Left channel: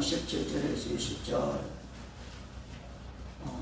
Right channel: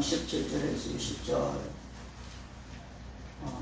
13장 17절에서 20절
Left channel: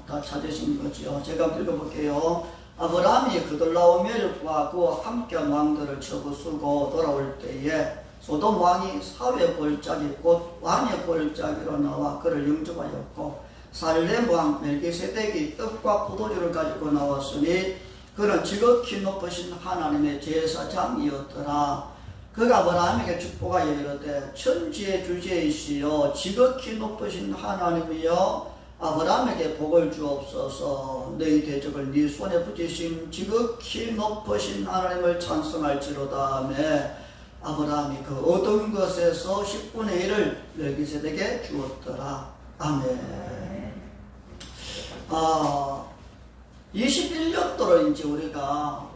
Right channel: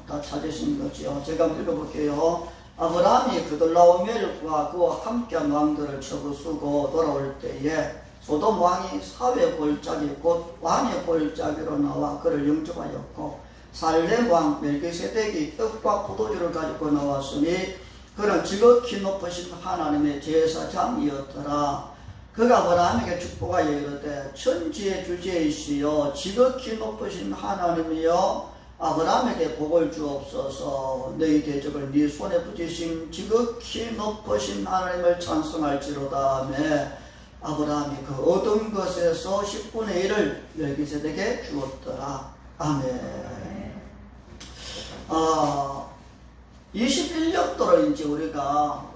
다 찾으신 거죠. 제가 한번 읽어볼게요. 아브라함이 그들라오멜과 그와 함께한 왕들을 쳐부수고 돌아올 때에 소돔 왕이 사회 골짜기 곧 왕의 골짜기로 나와 그를 영접하였고 살렘 왕 멜기세덱이 떡과 포도주를 가지고 나왔으니 그는 지극히 높으신 하나님의 제사장이었더라. 그가 아브라함에게 축복하여 이르되 천지의 주제이시여 지극히 높으신 하나님이여 아브라함에게 복을 주옵소서. 너희 대적을 네 손에 붙이신 지극히 높으신 하나님을 찬송할지로다 하며 아브라함이 그 얻은 것에서 10분의 1을 멜기세덱에게 주었더라. 아멘. 21년 동안 이제 우리가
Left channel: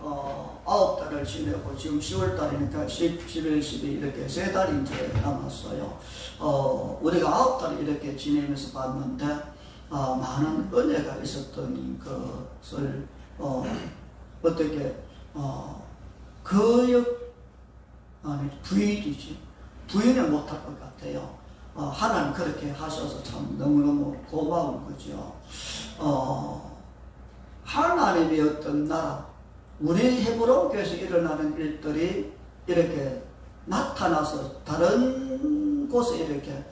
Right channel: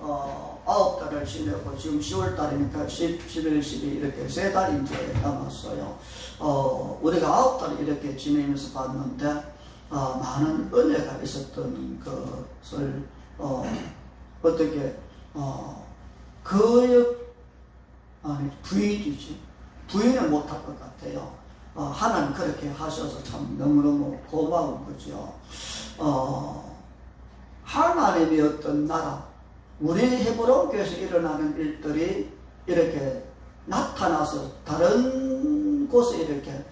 9달을 지내고 지금 10월달이니까 10, 11, 12 이렇게 3달이 이제 남았어요. 우리가 9달 이렇게 지내면서 봤는데 많은 은혜가 있었던 것을 어떻게 부인을 못할 것 같아요. 하나님 그렇게 하셔서 참 너무너무 고마운 거죠. 하나님이 어떤 나라, 우리 헤브론 교회에서 일어나는 일들이 이렇게 나타나서 다른 곳에 이렇게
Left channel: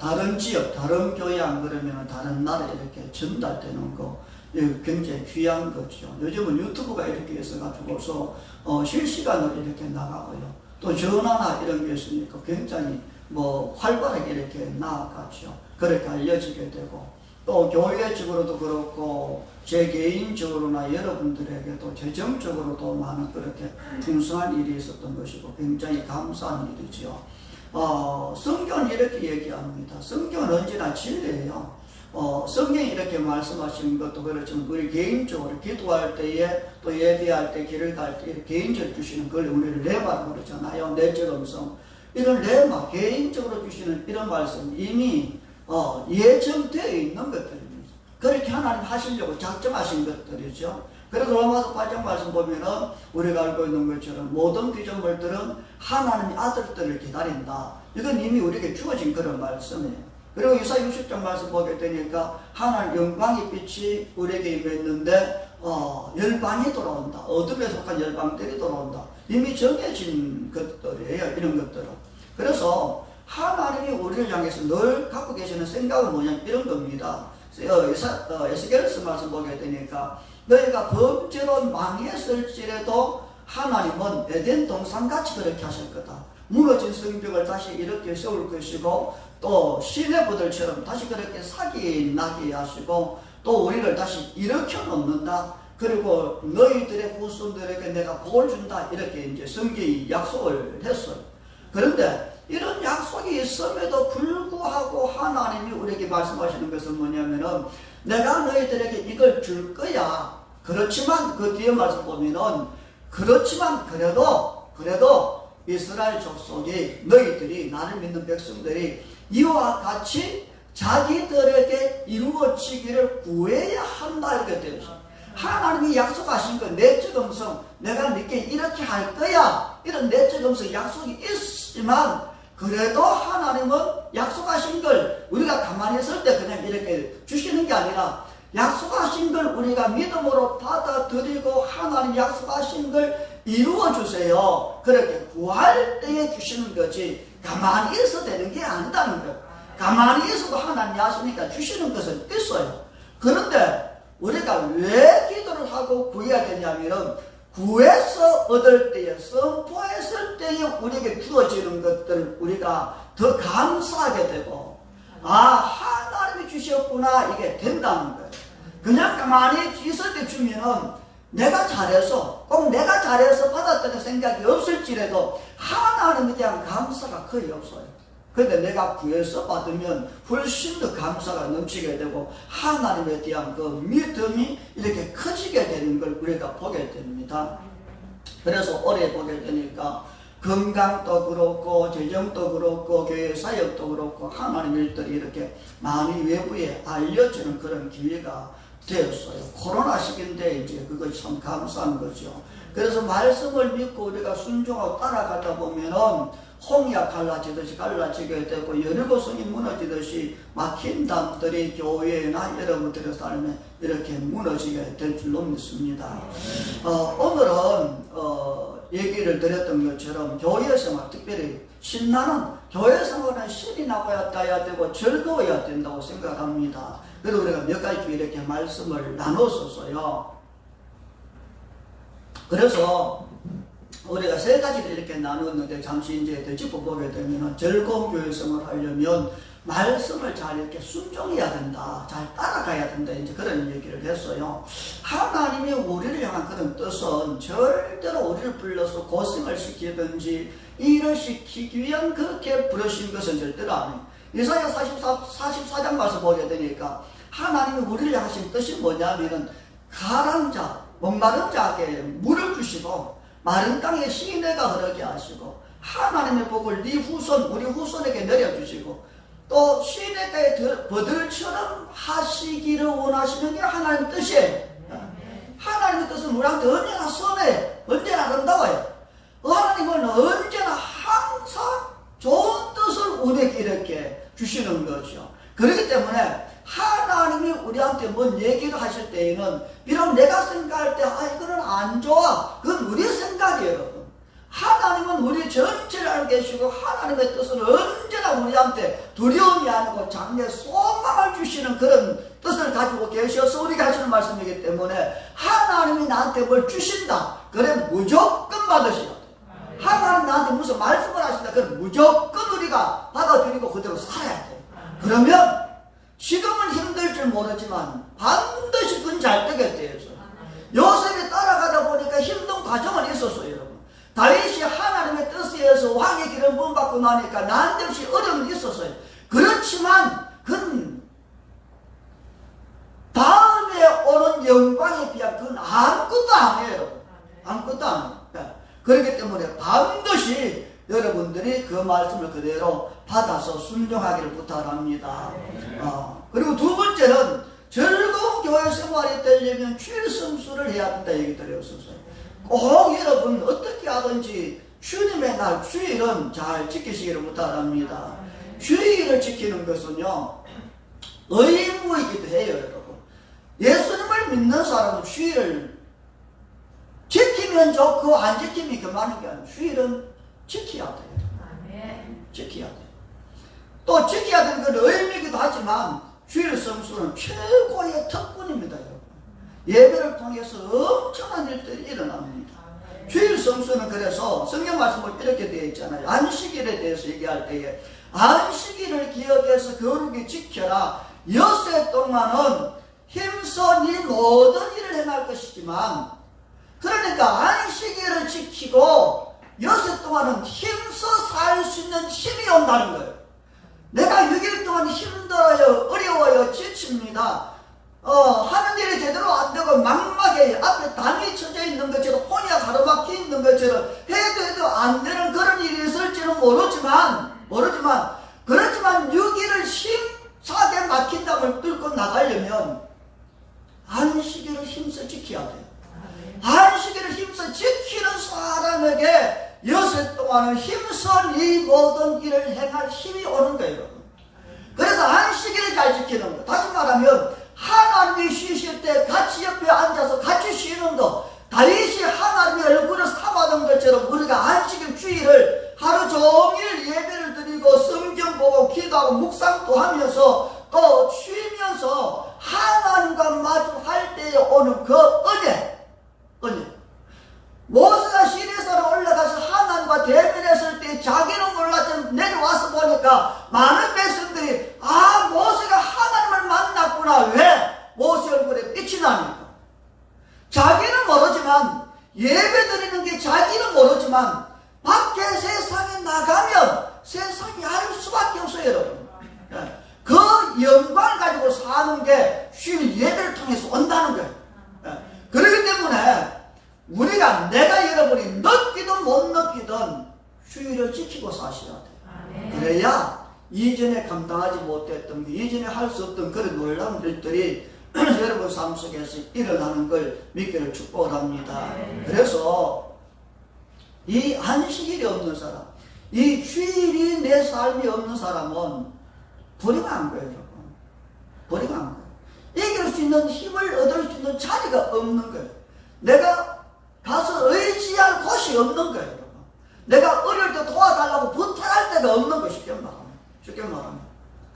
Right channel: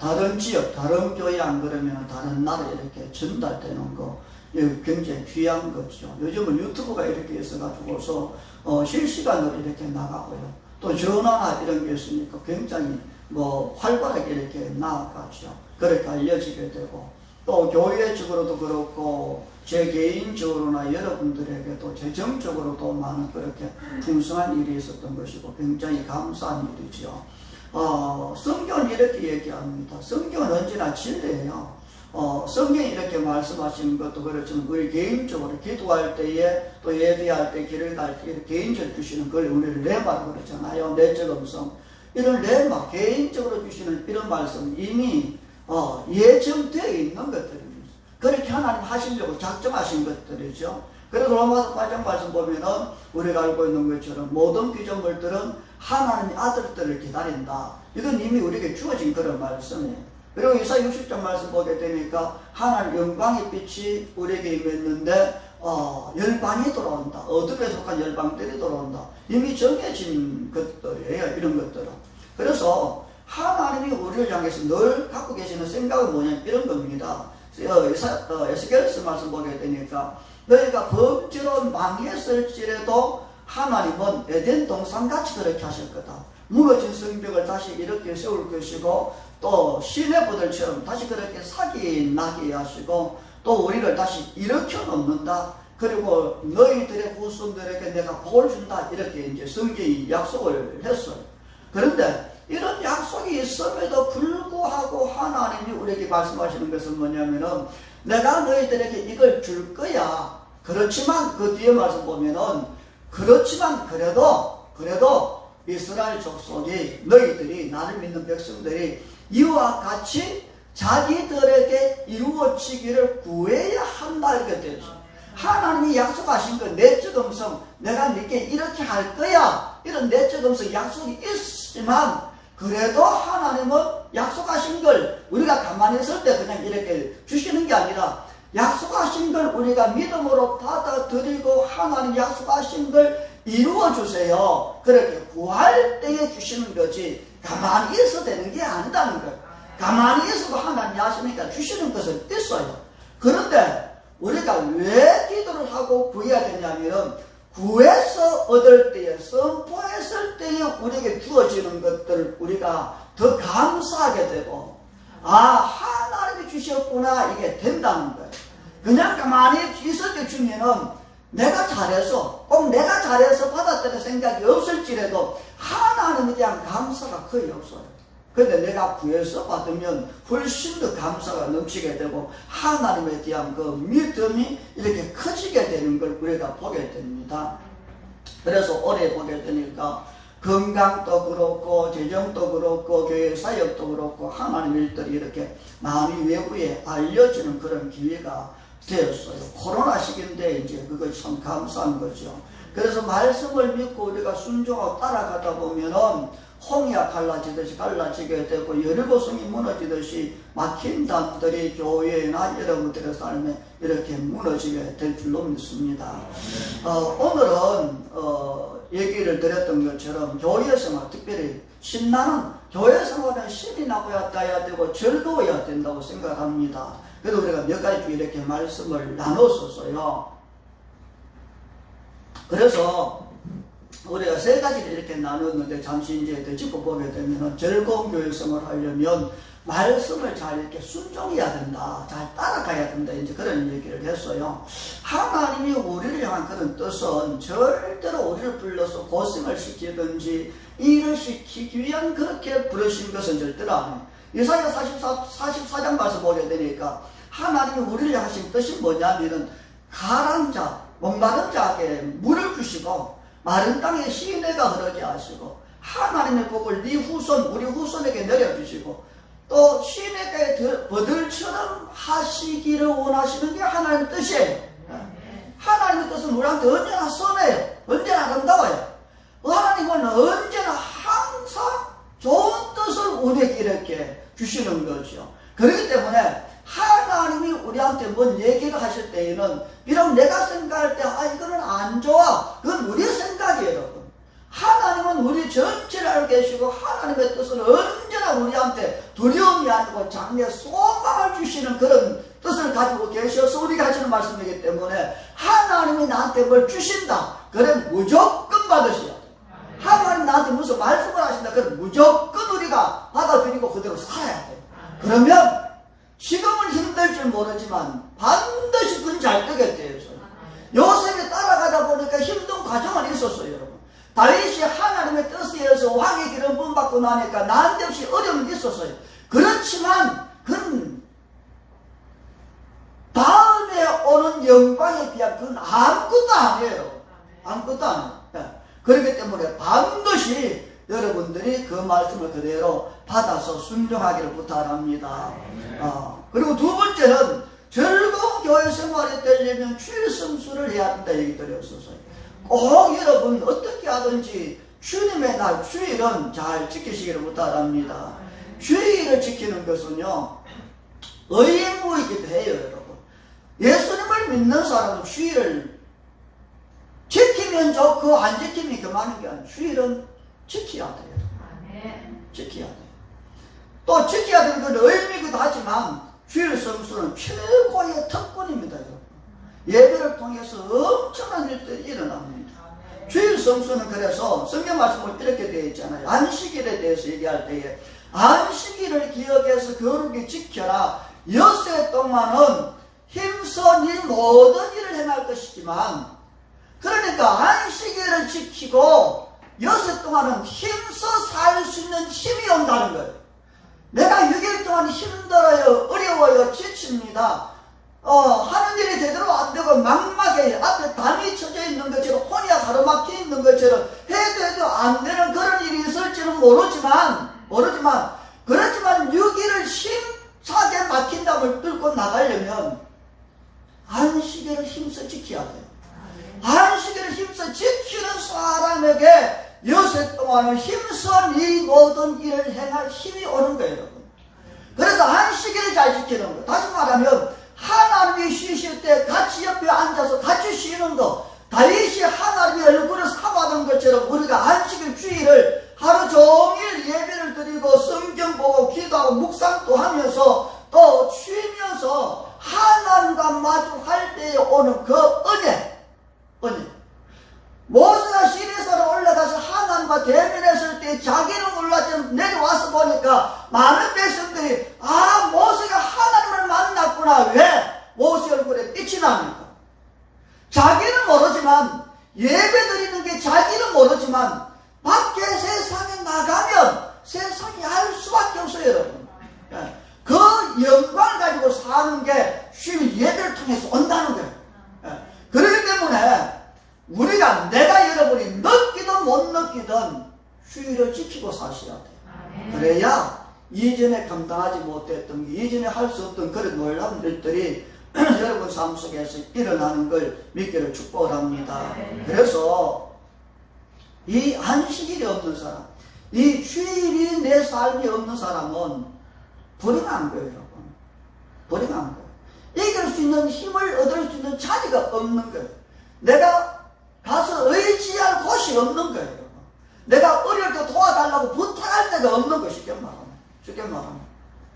다른 지역, 다른 교회 안 그러면 다른 나라에 이렇게 전달되는 거, 이거 굉장히 귀한 거죠. 요즘은 유튜브가 이렇게 있어가지고서 실시간으로 이렇게 나가고요. 또 전화나 이런 게 있으니까 굉장히 활발하게 이렇게 나아가죠. 그렇게 알려지게 되고, 또 교회적으로도 그렇고 제 개인적으로나 여러분들에게도 재정적으로도 많은 그렇게 풍성한 일이 있었던 것이고 굉장히 감사한 일이죠. 성경은 이렇게 얘기합니다. 성경은 언제나 진리예요. 성경이 이렇게 말씀하시는 것도 그렇지만 우리 개인적으로 기도할 때에 또 예배할 때 길을 갈 때 개인적으로 주시는 걸 우리를 레마라고 그러잖아요. 내적 음성. 이런 레마, 개인적으로 주시는 이런 말씀 이미 예정되어 있는 것들입니다. 그렇게 하나님 하시려고 작정하신 것들이죠. 그래서 로마서 8장 말씀 보면은 우리가 알고 있는 것처럼 모든 피조물들은 하나님의 아들들을 기다린다. 이건 이미 우리에게 주어진 그런 말씀이에요. 그리고 이사야 60장 말씀 보게 되니까 하나님 영광의 빛이 우리에게 임했는데 열방이 돌아온다. 어둠에 속한 열방들이 돌아온다. 이미 정해진 것들이에요. 이런 것들은. 그래서 하나님이 우리를 향해서 늘 갖고 계시는 생각은 뭐냐 이런 겁니다. 에스겔서 말씀 보게 되니까 너희가 범죄로 망했을지라도 하나님은 에덴 동산같이 그렇게 하실 거다. 무너진 성벽을 다시 이렇게 세울 것이고 또 시내부들처럼 다시 그렇게 사기 나게 하시고 또 우리를 다시 일으켜 놓는다. 그리고 너희들의 후손들에게 내가 복을 준다. 이렇게 이제 성경이 약속을 했어요. 그런데 이런 약속이 있음에도 불구하고 하나님이 우리에게 말씀하시는 것은 뭐냐면은 내가 너희들에게 이걸 줄 거야. 그렇지만 그 뒤에 말씀 보면은 그렇지만 그래도 이스라엘 족속이 너희들이 나를 믿는 백성들이 이와 같이 자기들에게 이루어지기를 구해야 한다. 이렇게 되죠. 하나님이 약속하신 건 내적 음성, 내가 네게 이렇게 할 거야. 이런 내적 음성 약속이 있지만 그래도 하나님은 약속하신 걸 우리가 가만히 있을 때 그냥 이렇게 주시는 게 아니라 약속하신 걸 우리가 믿음으로 받아들이고 하나님 약속하신 걸 이루어 주세요. 그렇게 구할 때에 주시는 거지 가만히 있어도 되는 게 아니다는 거예요. 가만히 있어도 하나님이 하시니까 주시는 것은 있어요. 그런데 우리가 왜 기도를 하고 구해야 되냐면은 구해서 얻을 때에 선포했을 때에 우리에게 주어지는 것들을 우리가 더 감사하게 되고 하나님이 주셨구나 이게 된다는 거예요. 그냥 가만히 있을 때 주면은 내가 잘해서 꼭 내가 잘해서 받았다는 생각이 없을지라도 하나님에 대한 감사가 거의 없어요. 그런데 내가 구해서 받으면 훨씬 더 감사가 넘치게 되고 하나님에 대한 그 믿음이 이렇게 커지게 되는 걸 우리가 보게 됩니다. 그래서 올해 보게 되니까 건강도 그렇고 재정도 그렇고 교회 사역도 그렇고 하나님 일들이 이렇게 많이 외부에 알려지는 그런 기회가 되었어요. 코로나 시기인데 이제 그것이 참 감사한 거죠. 그래서 말씀을 믿고 우리가 순종하고 따라가다 보면은 홍해가 갈라지게 되고 여리고성이 무너지듯이 막힌 담들이 교회나 여러분들의 삶에 이렇게 무너지게 될 줄로 믿습니다. 오늘은 얘기를 드렸던 것처럼 교회 생활, 특별히 신나는 교회 생활은 신이 나야 되고 즐거워야 된다고 생각합니다. 그래서 우리가 몇 가지 이렇게 말씀을 나눴었어요. 그래서 우리가 세 가지를 이렇게 나눴는데 잠시 이제 더 짚어보게 되면 즐거운 교회 생활을 하려면 말씀을 잘 이렇게 순종해야 된다. 잘 따라가야 된다. 이제 그런 얘기를 했어요. 하나님이 우리를 향한 그런 뜻은 절대로 우리를 불러서 고생을 시키든지 일을 시키기 위한 그렇게 부르신 것은 절대로 아니에요. 이사야 44장 가서 보게 되니까 하나님이 우리를 하신 뜻이 뭐냐면은 가란 자, 목마른 자에게 물을 주시고 마른 땅에 시내가 흐르게 하시고 하나님의 복을 네 후손, 우리 후손에게 내려주시고 또 시내가의 버들처럼 하시기를 원하시는 게 하나님의 뜻이에요. 하나님의 뜻은 우리한테 언제나 선해요. 언제나 아름다워요. 하나님은 언제나 항상 좋은 뜻을 우리에게 이렇게 주시는 거죠. 그렇기 때문에 하나님이 우리한테 뭔 얘기를 하실 때에는 비록 내가 생각할 때 이거는 안 좋아. 그건 우리의 생각이에요, 여러분. 하나님은 우리 전체를 알고 계시고 하나님의 뜻은 언제나 우리한테 두려움이 아니고 장래 소망을 주시는 그런 뜻을 가지고 계셔서 우리가 하시는 말씀이기 때문에 하나님이 나한테 뭘 주신다. 그럼 무조건 받으셔야 돼. 하나님 나한테 무슨 말씀을 하신다. 그럼 무조건 우리가 받아들이고 그대로 살아야 돼. 그러면 지금은 힘들 줄 모르지만 반드시 그건 잘 되겠대요. 요셉이 따라가다 보니까 힘든 과정은 있었어요, 여러분. 다윗이 하나님의 뜻에 의해서 왕의 기름 부음 받고 나니까 난데없이 어려움이 있었어요. 그렇지만 그건 다음에 오는 영광에 비하면 그건 아무것도 아니에요. 아무것도 아니에요. 그렇기 때문에 반드시 여러분들이 그 말씀을 그대로 받아서 순종하기를 부탁합니다. 그리고 두 번째는 즐거운 교회 생활이 되려면 주일 성수를 해야 된다 얘기 드렸었어요. 꼭 여러분 어떻게 하든지 주님의 날 주일은 잘 지키시기를 부탁합니다. 주일을 지키는 것은요 의무이기도 해요, 여러분. 예수님을 믿는 사람은 주일을 지키면 좋고 안 지키면 그만한 게 아니에요. 주일은 지켜야 돼요. 지켜야 돼요. 또 지켜야 되는 건 의미이기도 하지만 주일 성수는 최고의 특권입니다, 여러분. 예배를 통해서 엄청난 일들이 일어납니다. 주일 성수는 그래서 성경 말씀을 이렇게 되어 있잖아요. 안식일에 대해서 얘기할 때에 안식일을 기억해서 거룩히 지켜라. 엿새 동안은 힘써 네 모든 일을 행할 것이지만, 그러니까 안식일을 지키고 엿새 동안은 힘써 살 수 있는 힘이 온다는 거예요. 내가 6일 동안 힘들어요, 어려워요, 지칩니다. 하는 일이 제대로 안 되고 막막해요. 앞에 담이 쳐져 있는 것처럼 혼이야 가로막혀 있는 것처럼 해도 안 되는 그런 일이 있을지는 모르지만 그렇지만 6일을 힘차게 막힌 담을 뚫고 나가려면 안식일을 힘써 지켜야 돼요. 안식일을 힘써 지키는 사람에게 엿새 동안은 힘써 이 모든 일을 행할 힘이 오는 거예요. 그래서 안식일을 잘 지키는 거예요. 다시 말하면 하나님이 쉬실 때 같이 옆에 앉아서 같이 쉬는 거, 다윗이 하나님의 얼굴을 삼아던 것처럼 우리가 안식일 주일을 하루 종일 예배를 드리고 성경 보고 기도하고 묵상도 하면서 또 쉬면서 하나님과 마주할 때에 오는 그 은혜. 모세가 시내산에 올라가서 하나님과 대면했을 때 자기는 몰랐지만 내려와서 보니까 많은 백성들이 모세가 하나님을 만났구나. 왜? 모세 얼굴에 빛이 나니까. 자기는 모르지만, 예배 드리는 게 자기는 모르지만 밖에 세상에 나가면 세상이 알 수밖에 없어요, 여러분. 그 영광을 가지고 사는 게 쉬운 예배를 통해서 온다는 거예요. 그렇기 때문에 우리가, 내가 여러분이 느끼든 못 느끼든 주의를 지키고 사셔야 돼요. 그래야 이전에 감당하지 못했던 게, 이전에 할 수 없던 그런 놀라운 일들이 여러분 삶 속에서 일어나는 걸 믿기를 축복을 합니다. 그래서 이 안식일이 없는 사람, 이 주일이 내 삶이 없는 사람은 불행한 거예요, 여러분. 불행한 거예요. 이길 수 있는 힘을 얻을 수 있는 자리가 없는 거예요. 내가 가서 의지할 곳이 없는 거예요. 내가 어릴 때 도와달라고 부탁할 데가 없는 것이 쉽게 말하면.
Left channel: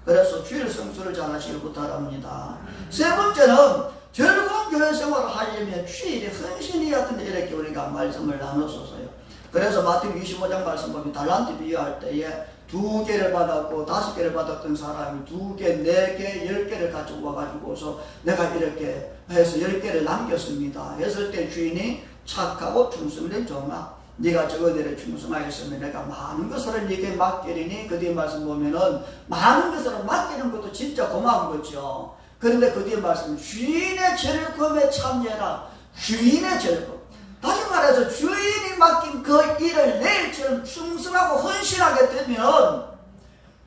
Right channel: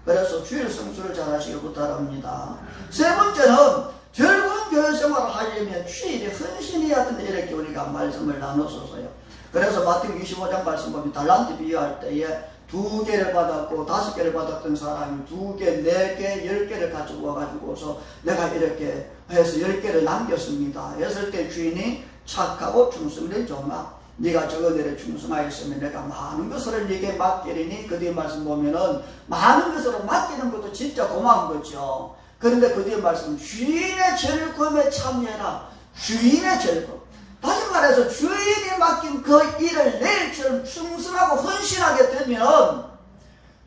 그래서 주일 성수를 잘 하시길 부탁합니다. 세 번째는 즐거운 교회 생활을 하려면 주일에 헌신해야 된다. 이렇게 우리가 말씀을 나눴었어요. 그래서 마태복음 25장 말씀 보면 달란트 비유할 때에 2개를 받았고 5개를 받았던 사람이 2개, 4개, 10개를 가지고 와가지고서 내가 이렇게 해서 10개를 남겼습니다. 했을 때 주인이 착하고 충성된 종아, 네가 적은 일에 충성하였으면 내가 많은 것을 네게 맡기리니, 그 뒤에 말씀 보면은 많은 것을 맡기는 것도 진짜 고마운 거죠. 그런데 그 뒤에 말씀, 주인의 즐거움에 참여해라. 주인의 즐거움. 다시 말해서 주인이 맡긴 그 일을 내일처럼 충성하고 헌신하게 되면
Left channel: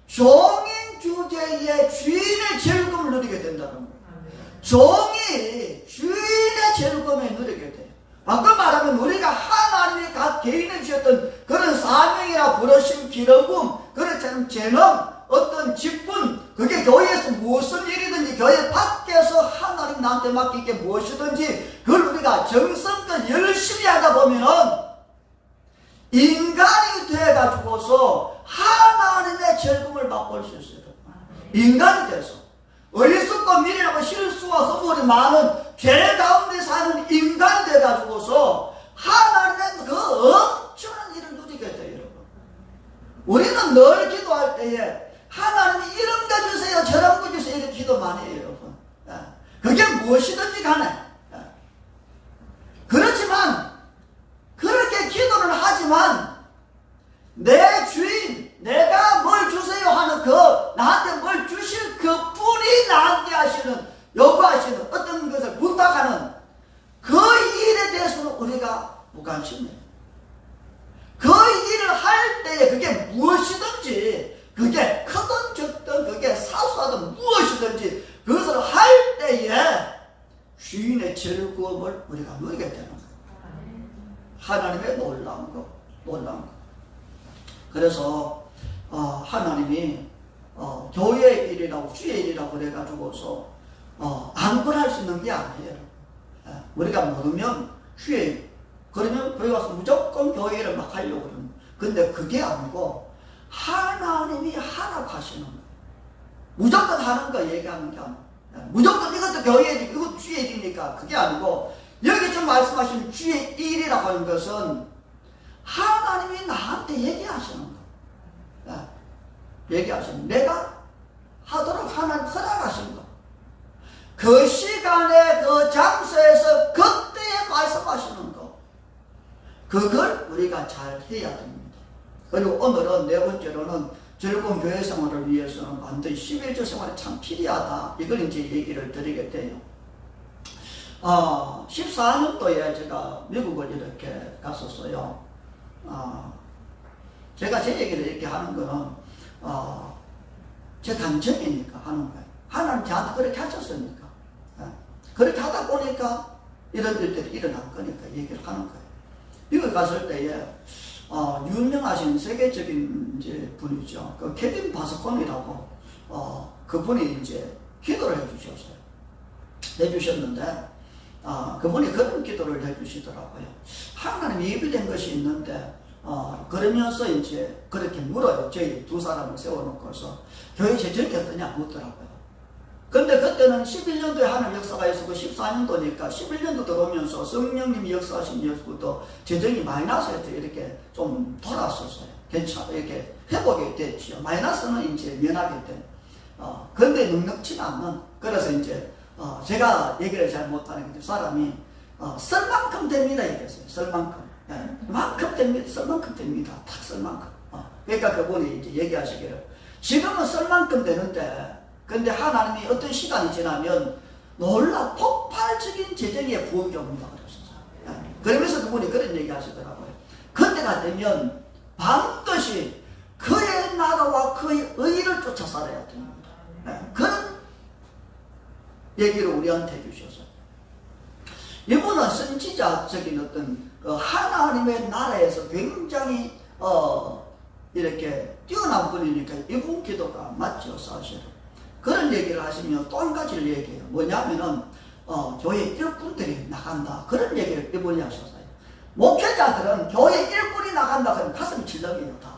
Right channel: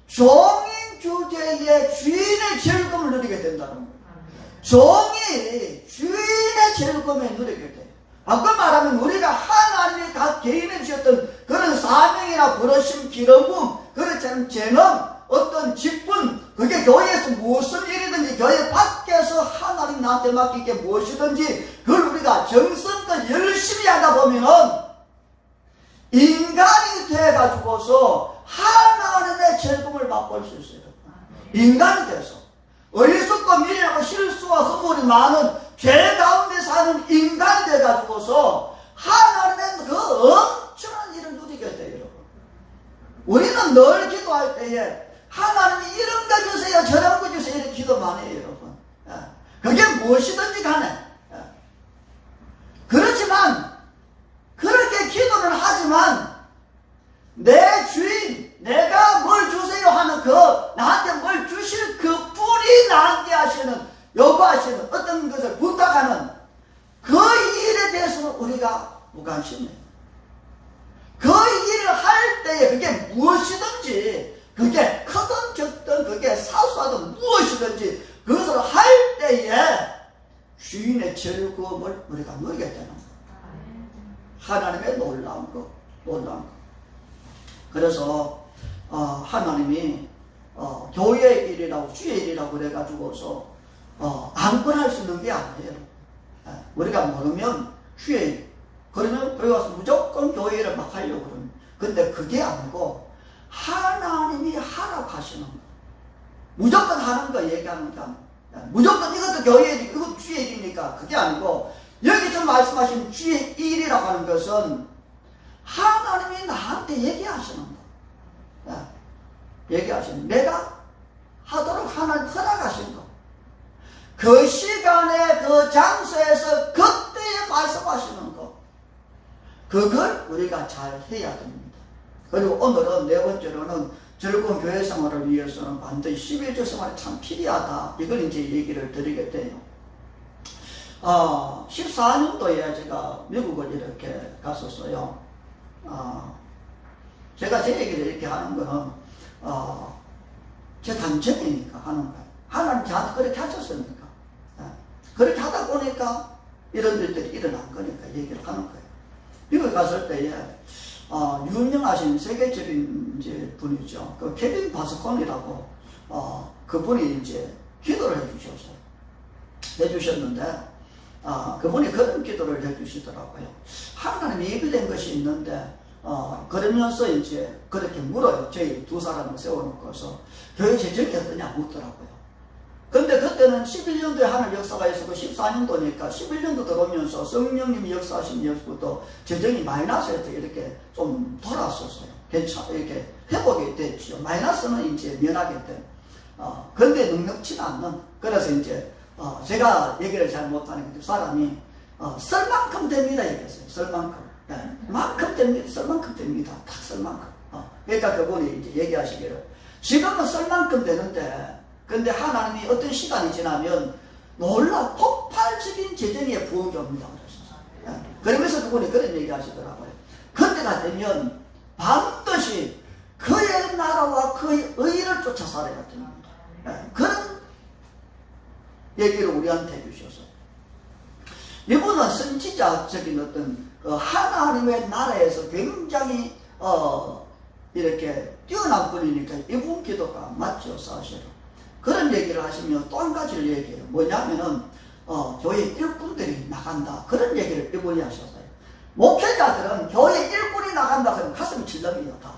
종인 주제에 주인의 즐거움을 누리게 된다는 거예요. 종이 주인의 즐거움을 누리게 돼요. 아까 말하면 우리가 하나님이 각 개인에 주셨던 그런 사명이나 부르심, 기름붐, 그렇지 재능, 어떤 직분, 그게 교회에서 무슨 일이든지 교회 밖에서 하나님 나한테 맡긴 게 무엇이든지 그걸 우리가 정성껏 열심히 하다 보면은 인간이 돼가지고서 하나님의 즐거움을 맛볼 수 있어요. 인간이 돼서 어리석고 미련하고 실수와 허물이 많은 죄 가운데 사는 인간이 돼가지고서 하나님의 그 엄청난 일을 누리게 돼요. 우리는 늘 기도할 때에 하나님이 이런 거 주세요, 저런 거 주세요, 이렇게 기도 많이 해요, 여러분. 그게 무엇이든지 간에. 그렇지만, 그렇게 기도를 하지만, 내 주인, 내가 뭘 주세요 하는 나한테 뭘 주실 그 분이 나한테 하시는, 요구하시는 어떤 것을 부탁하는 그 일에 대해서는 우리가 무관심해요. 그 일을 할 때에 그게 무엇이든지, 그게 크든 적든 그게 사소하든 무엇이든지 그것을 할 때에 주인의 즐거움을 우리가 누리게 되는 거예요. 하나님의 놀라운 거. 그래서 하나님이 교회의 일이라고 주의 일이라고 그래가지고서 안건할 수 있는 게 아니에요. 우리가 먹으면 주의 일, 그러면 거기 와서 무조건 교회 일을 막 하려고 그러는. 근데 그게 아니고 하나님이 하라고 하시는 거. 무조건 하는 거 얘기하는 게 아니에요. 무조건 이것도 교회 일, 이것도 주의 일이니까 그게 아니고, 여기서 말씀하신 주의 일이라고 하는 것은 하나님이 나한테 얘기하시는 거. 얘기하시는, 내가 하도록 하나님 허락하신 거. 그 시간에 그 장소에서 그때에 말씀하시는 거. 그걸 우리가 잘 해야 됩니다. 그리고 오늘은 네 번째로는 즐거운 교회 생활을 위해서는 반드시 11조 생활이 참 필요하다. 이걸 이제 얘기를 드리게 돼요. 14년도에 제가 미국을 이렇게 갔었어요. 제가 제 얘기를 이렇게 하는 거는, 제 감정이니까 하는 거예요. 하나님 저한테 그렇게 하셨으니까. 그렇게 하다 보니까 이런 일들이 일어난 거니까 얘기를 하는 거예요. 미국에 갔을 때에, 유명하신 세계적인 이제 분이죠. 그 케빈 바스콘이라고, 그분이 이제 기도를 해주셨는데, 그분이 그런 기도를 해주시더라고요. 하나님 예비된 것이 있는데, 그러면서 이제 그렇게 물어요. 저희 두 사람을 세워놓고서 교회 재정이 어떠냐 묻더라고요. 근데 그때는 11년도에 하늘 역사가 있었고 14년도니까 11년도 들어오면서 성령님이 역사하신 이후부터 재정이 마이너스에서 이렇게 좀 돌아왔었어요. 이렇게 회복이 됐죠. 마이너스는 이제 면하게 돼. 근데 넉넉치 않는. 그래서 이제 제가 얘기를 잘 못하는 게 사람이 쓸 만큼 됩니다 얘기했어요. 쓸 만큼. 만큼 됩니다. 쓸 만큼 됩니다. 딱 쓸 만큼. 그러니까 그분이 이제 얘기하시기를 지금은 쓸 만큼 되는데, 근데 하나님이 어떤 시간이 지나면 놀라 폭발적인 재정의 부흥이 옵니다. 그러면서 그분이 그런 얘기 하시더라고요. 그때가 되면 반드시 그의 나라와 그의 의를 쫓아 살아야 됩니다. 그런 얘기를 우리한테 해주셔서, 이분은 선지자적인 어떤 하나님의 나라에서 굉장히 이렇게 뛰어난 분이니까 이분 기도가 맞죠, 사실은. 그런 얘기를 하시면 또 한 가지를 얘기해요. 뭐냐면은, 교회 일꾼들이 나간다. 그런 얘기를 이분이 하셨어요. 목회자들은 교회 일꾼이 나간다. 그러면 가슴이 질렁이요, 다.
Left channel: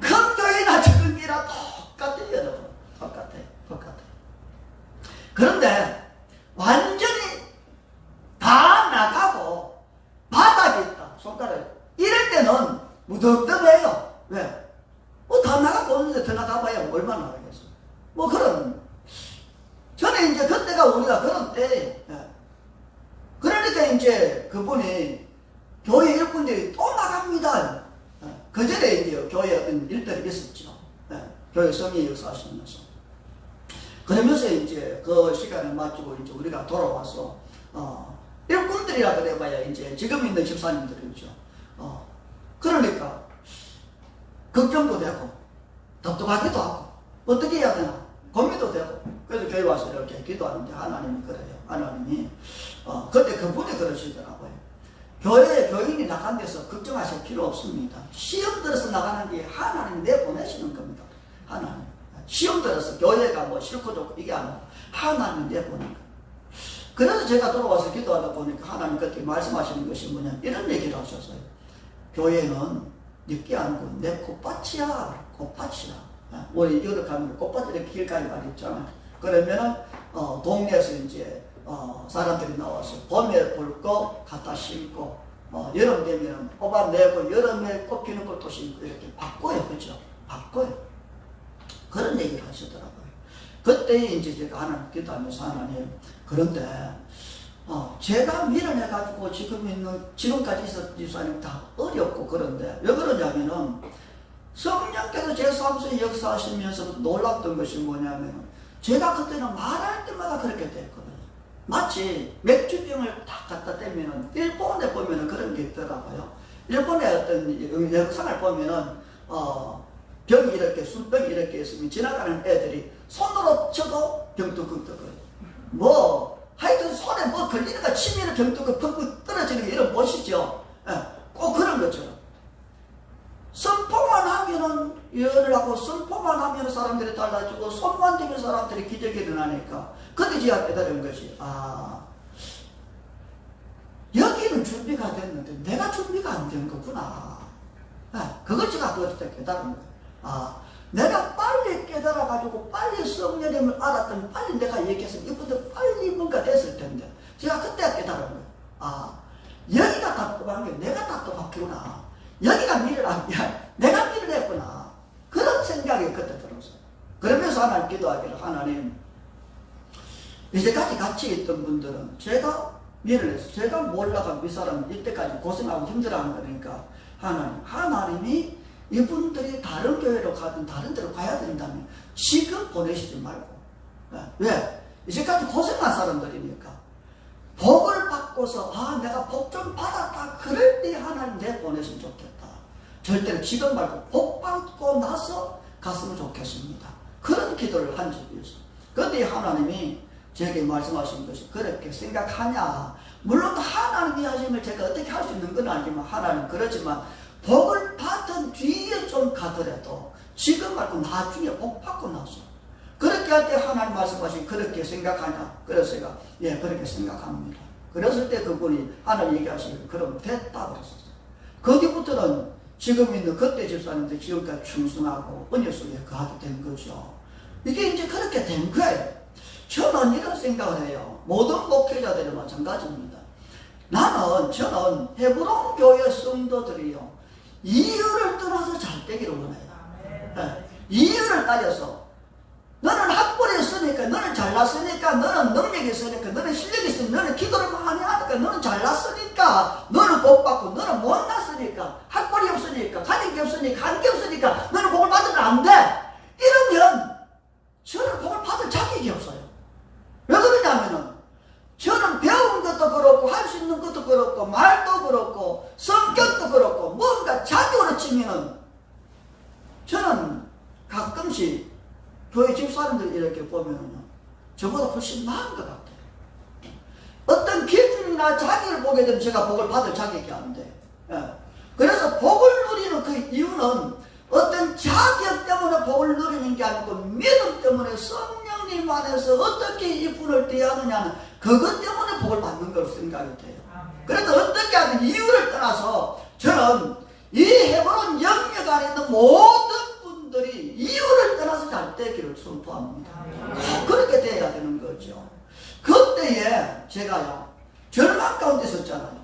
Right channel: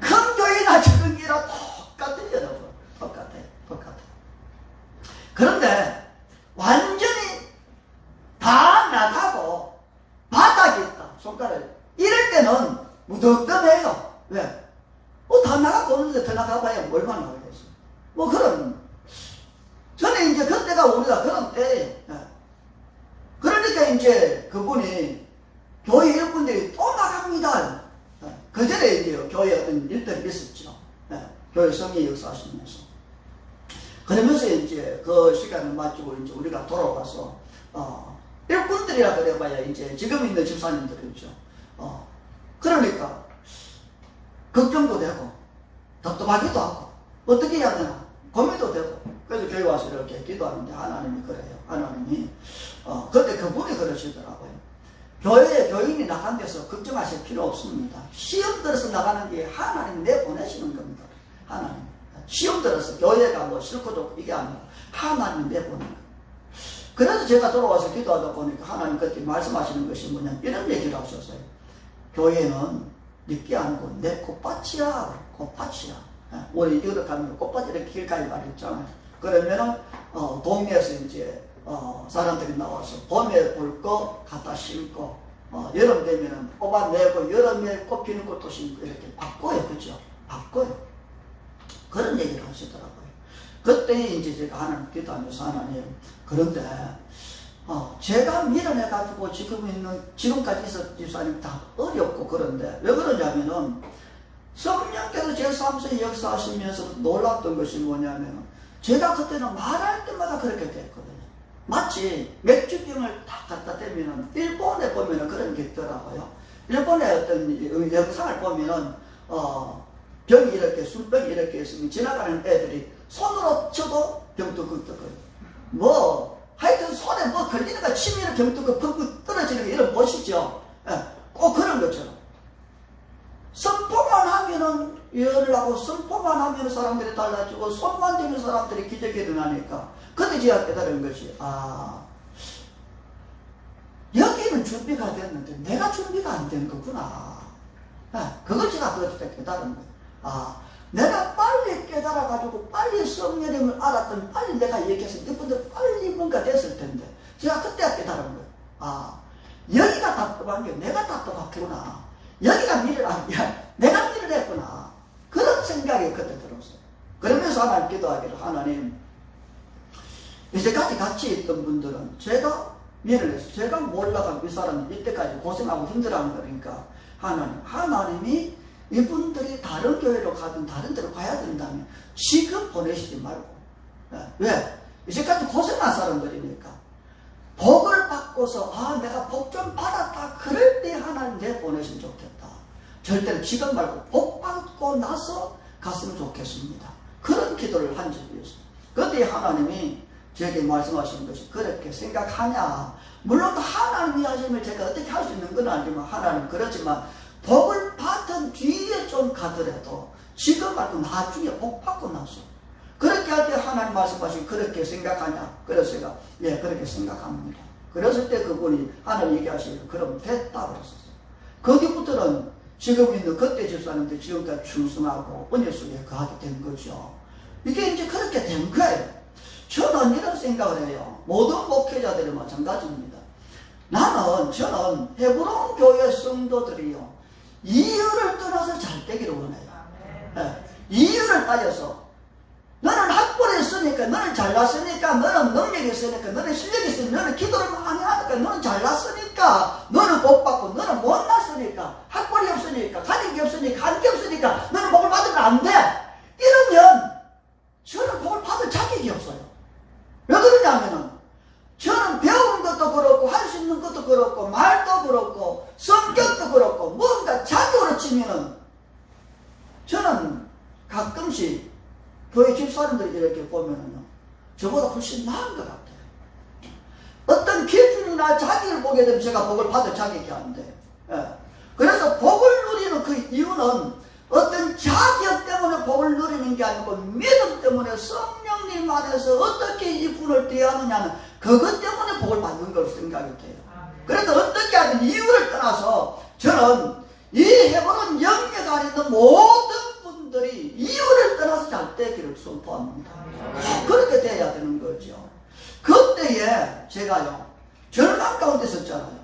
큰 교회나 작은 교회나 똑같아요, 여러분. 똑같아. 그런데, 완전히 다 나가고, 바닥에 있다. 손가락에. 이럴 때는 무덤덤해요. 왜? 다 나가고 오는데 더 나가봐야 얼마나 나가겠어. 그런. 저는 이제 그때가 우리가 그런 때, 그러니까 이제 그분이 교회 일꾼들이 또 나갑니다. 그 전에 이제 교회 어떤 일들이 있었죠. 교회 성의 역사하시면서. 그러면서 이제 그 시간을 맞추고 이제 우리가 돌아와서, 일꾼들이라 그래봐야 이제 지금 있는 집사님들이죠. 그러니까, 걱정도 되고, 답답하기도 하고, 어떻게 해야 되나, 고민도 되고, 그래서 교회 와서 이렇게 기도하는데 하나님이 그래요. 하나님이, 그때 그분이 그러시더라고요. 교인이 나간 데서 걱정하실 필요 없습니다. 시험 들어서 나가는 게 하나님 내보내시는 겁니다. 하나님. 시험 들어서 교회가 뭐 싫고 좋고 이게 아니라 하나님이 내보내는 거예요. 그래서 제가 돌아와서 기도하다 보니까 하나님 그때 말씀하시는 것이 뭐냐, 이런 얘기를 하셨어요. 교회는 늦게 아니고 내 꽃밭이야. 꽃밭이야. 우리 이렇게 하면 꽃밭 이렇게 길가에 말했잖아요. 그러면은, 동네에서 이제, 사람들이 나와서 봄에 볼 거 갖다 심고, 여름 되면은 뽑아내고, 여름에 꽃 피는 것도 심고, 이렇게 바꿔요. 그죠? 바꿔요. 그런 얘기를 하시더라고요. 그때 이제 제가 하나님 기도하면서 하나님, 그런데, 제가 밀어내가지고 지금까지 있었던 집사님 다 어렵고 그런데, 왜 그러냐면은, 성령께서 제 삶에 역사하시면서 놀랐던 것이 뭐냐면, 제가 그때는 말할 때마다 그렇게 됐거든요. 마치 맥주병을 딱 갖다 대면은, 일본에 보면은 그런 게 있더라고요. 일본의 어떤 영상을 보면은, 병이 이렇게, 술병이 이렇게 있으면 지나가는 애들이 손으로 쳐도 병뚜껑 하여튼 손에 걸리니까 침이 병뚜껑 떨어지는 게 이런 멋이죠. 꼭 그런 것처럼. 선포만 하면은 열을 하고, 선포만 하면 사람들이 달라지고, 손만 대면 사람들이 기적이 일어나니까, 그때 제가 깨달은 것이, 여기는 준비가 됐는데, 내가 준비가 안 된 거구나. 그걸 제가 그때 깨달은 거예요. 내가 빨리 깨달아가지고, 빨리 성령님을 알았더니, 빨리 내가 얘기해서, 이분들 빨리 뭔가 됐을 텐데, 제가 그때 깨달은 거예요. 여기가 답답한 게 내가 답답했구나. 여기가 미를 안 돼. 내가 미를 했구나. 그런 생각이 그때 들었어요. 그러면서 하나님 기도하기를, 하나님, 이제까지 같이 있던 분들은 제가 미를 했어요. 제가 몰라가지고 이 사람은 이때까지 고생하고 힘들어하는 거니까, 하나님이 이분들이 다른 교회로 가든 다른 데로 가야 된다면 지금 보내시지 말고. 왜? 이제까지 고생한 사람들이니까. 복을 받고서, 내가 복 좀 받았다. 그럴 때 하나님 내 보내시면 좋겠다. 절대로 지금 말고 복 받고 나서 갔으면 좋겠습니다. 그런 기도를 한 적이 있어요. 그때 하나님이 제게 말씀하신 것이, 그렇게 생각하냐. 물론 하나님이 하시면 제가 어떻게 할 수 있는 건 아니지만, 하나님 그렇지만, 복을 받은 뒤에 좀 가더라도, 지금 말고 나중에 복 받고 나서. 그렇게 할 때 하나님 말씀하신, 그렇게 생각하냐. 그래서 제가, 그렇게 생각합니다. 그랬을 때 그분이 하나님 얘기하시고, 그럼 됐다 그랬었어요. 거기부터는 지금 있는 그때 집사님들 지금까지 충성하고 은혜 속에 거하게 된 거죠. 이게 이제 그렇게 된 거예요. 저는 이런 생각을 해요. 모든 목회자들이 마찬가지입니다. 저는 헤브론 교회 성도들이요, 이유를 떠나서 잘 되기를 원해요. 이유를 따져서, 너는 학벌이 있으니까, 너는 잘났으니까, 너는 능력이 있으니까, 너는 실력이 있으니까, 너는 기도를 많이 하니까, 너는 잘났으니까, 너는 복 받고, 너는 못났으니까, 학벌이 없으니까, 가진 게 없으니까, 한 게 없으니까, 너는 복을 받으면 안 돼. 이러면 저는 복을 받을 자격이 없어요. 왜 그러냐면은, 저는 배운 것도 그렇고, 할 수 있는 것도 그렇고, 말도 그렇고, 성격도 그렇고, 뭔가 자격으로 치면은, 저는 가끔씩 교회 집사람들 이렇게 보면은 저보다 훨씬 나은 것 같아요. 어떤 기준이나 자기를 보게 되면 제가 복을 받을 자격이 안 돼. 그래서 복을 누리는 그 이유는, 어떤 자격 때문에 복을 누리는 게 아니고 믿음 때문에 성령님 안에서 어떻게 이 분을 대하느냐는 그것 때문에 복을 받는 걸로 생각이 돼요. 그래서 어떻게 하든 이유를 떠나서 저는 이 헤브론 영역 안에 있는 모든 분들이 이유를 떠나서 잘 되기를 선포합니다. 그렇게 돼야 되는 거죠. 그때에 제가요 절망 가운데 있었잖아요.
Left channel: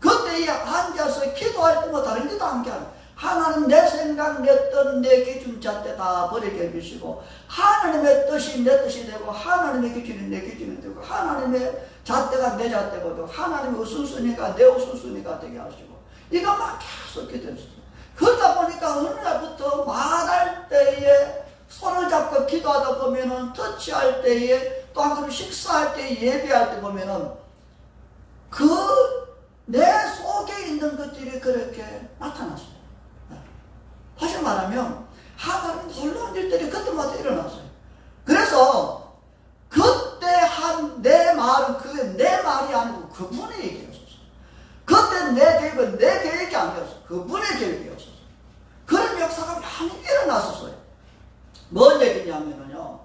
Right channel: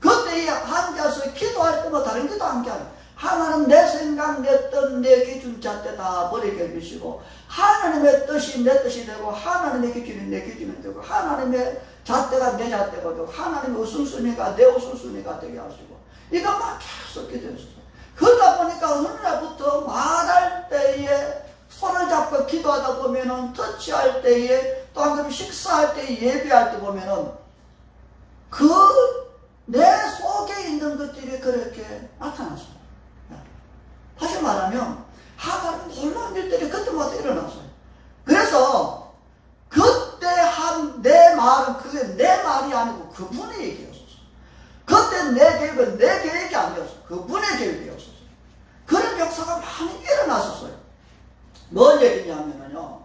그때에 앉아서 기도할 때마다 다른 기도 한 게 아니에요. 하나님 내 생각, 내 뜻, 내 기준 잣대 다 버리게 해주시고 하나님의 뜻이 내 뜻이 되고 하나님의 기준이 내 기준이 되고 하나님의 잣대가 내 잣대가 되고 하나님의 우선순위가 내 우선순위가 되게 하시고 이것만 계속 기도했어요. 그러다 보니까 어느 날부터 말할 때에 손을 잡고 기도하다 보면은 터치할 때에 또 한 번 식사할 때 예배할 때 보면은 그 내 속에 있는 것들이 그렇게 나타났어요. 다시 말하면 하나님 놀라운 일들이 그때마다 일어났어요. 그래서 그때 한 내 말은 그게 내 말이 아니고 그분의 얘기였었어요. 그때 내 계획은 내 계획이 아니었어요. 그분의 계획이었었어요. 그런 역사가 많이 일어났었어요. 뭔 얘기냐면요,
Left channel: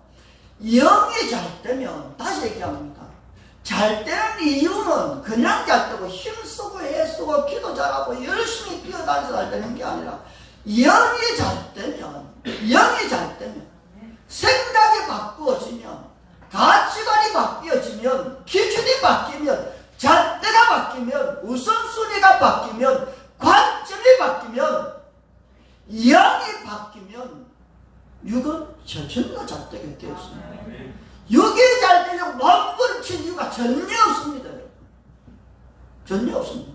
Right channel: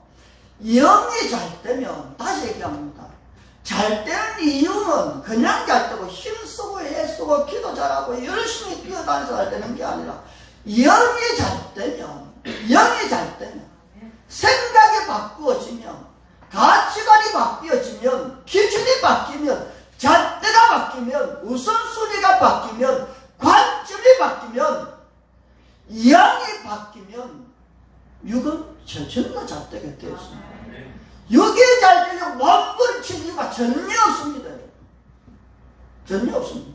영이 잘 되면, 다시 얘기합니다. 잘 되는 이유는 그냥 잘 되고 힘쓰고 애쓰고 기도 잘하고 열심히 뛰어다니서 잘 되는 게 아니라 영이 잘 되면 생각이 바꾸어지면 가치관이 바뀌어지면 기준이 바뀌면 잣대가 바뀌면 우선순위가 바뀌면 관점이 바뀌면 영이 바뀌면 육은 전혀 잘 되게 되었습니다. 육이 잘 되면 몸부림칠 이유가 전혀 없습니다. 전혀 없습니다.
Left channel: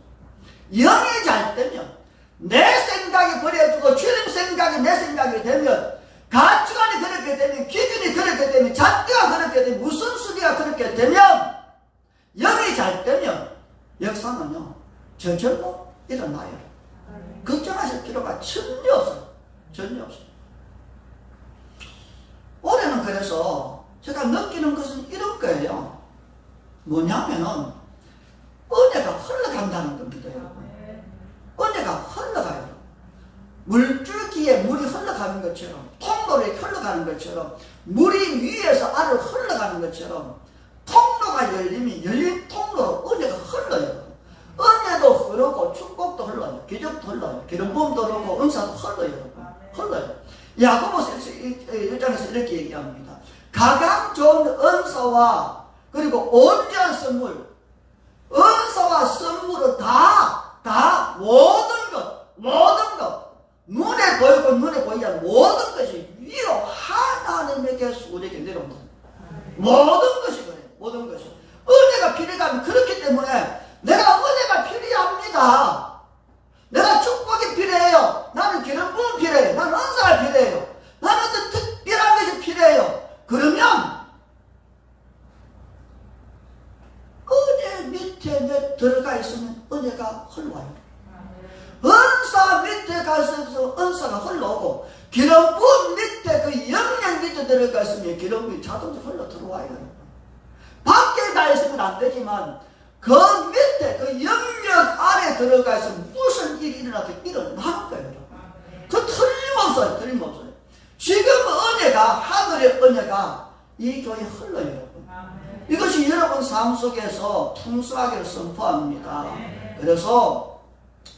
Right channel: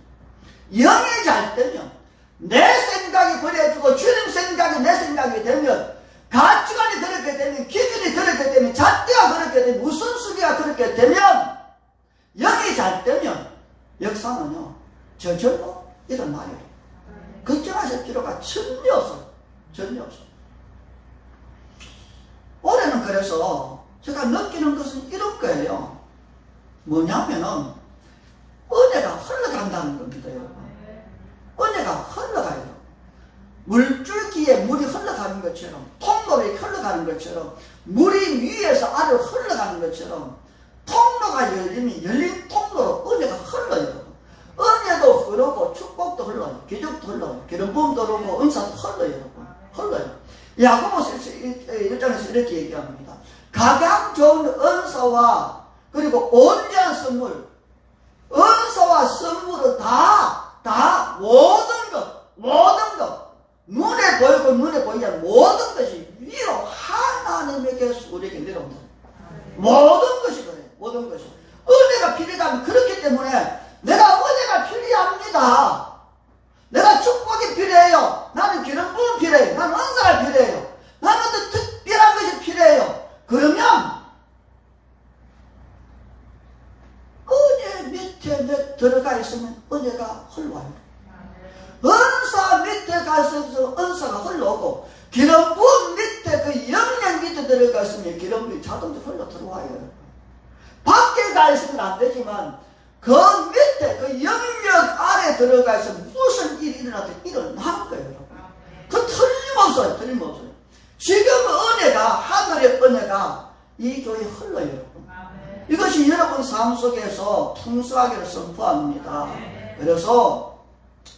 영이 잘 되면 내 생각이 버려지고 주님 생각이 내 생각이 되면 가치관이 그렇게 되면 기준이 그렇게 되면 잣대가 그렇게 되면 우선순위가 그렇게 되면 영이 잘 되면 역사는요 저절로 일어나요. 걱정하실 필요가 전혀 없어요. 전혀 없어요. 올해는 그래서 제가 느끼는 것은 이런 거예요. 뭐냐면은 은혜가 흘러간다는 겁니다, 여러분. 은혜가 흘러가요. 물줄기에 물이 흘러가는 것처럼, 통로에 흘러가는 것처럼, 물이 위에서 아래로 흘러가는 것처럼 통로가 열리면 열린 통로로 은혜가 흘러요. 은혜도 흐르고 축복도 흘러요. 기적도 흘러요. 기름 부음도 흐르고 은사도 흘러요. 흘러요. 야고보서 1장에서 이렇게 얘기합니다. 가장 좋은 은사와 그리고 온전한 선물, 은사와 선물은 다 모든 것 눈에 보이고 눈에 보이지 않는 모든 것이 위로 하나님에게서 우리에게 내려옵니다. 모든 것이 그래요. 모든 것이 은혜가 필요하면 그렇기 때문에 내가 은혜가 필요합니다. 내가 축복이 필요해요. 나는 기름 부음 필요해요. 나는 은사가 필요해요. 나는 어떤 특별한 것이 필요해요. 그러면 은혜 밑에 들어가 있으면 은혜가 흘러와요. 은사 밑에 가서 은사가 흘러오고 기름 부음 밑에 그 영역 밑에 들어가 있으면 기름 부음이 자동으로 흘러 들어와요. 밖에 가 있으면 안 되지만 그 밑에 그 영역 아래 들어가 있으면 무슨 일이 일어나든 일어나는 거예요. 그 틀림없어요. 틀림없어요. 지금 은혜가 하늘의 은혜가 이 교회에 흘러요. 이것이 여러분 삶 속에서 풍성하기를 선포합니다. 그래서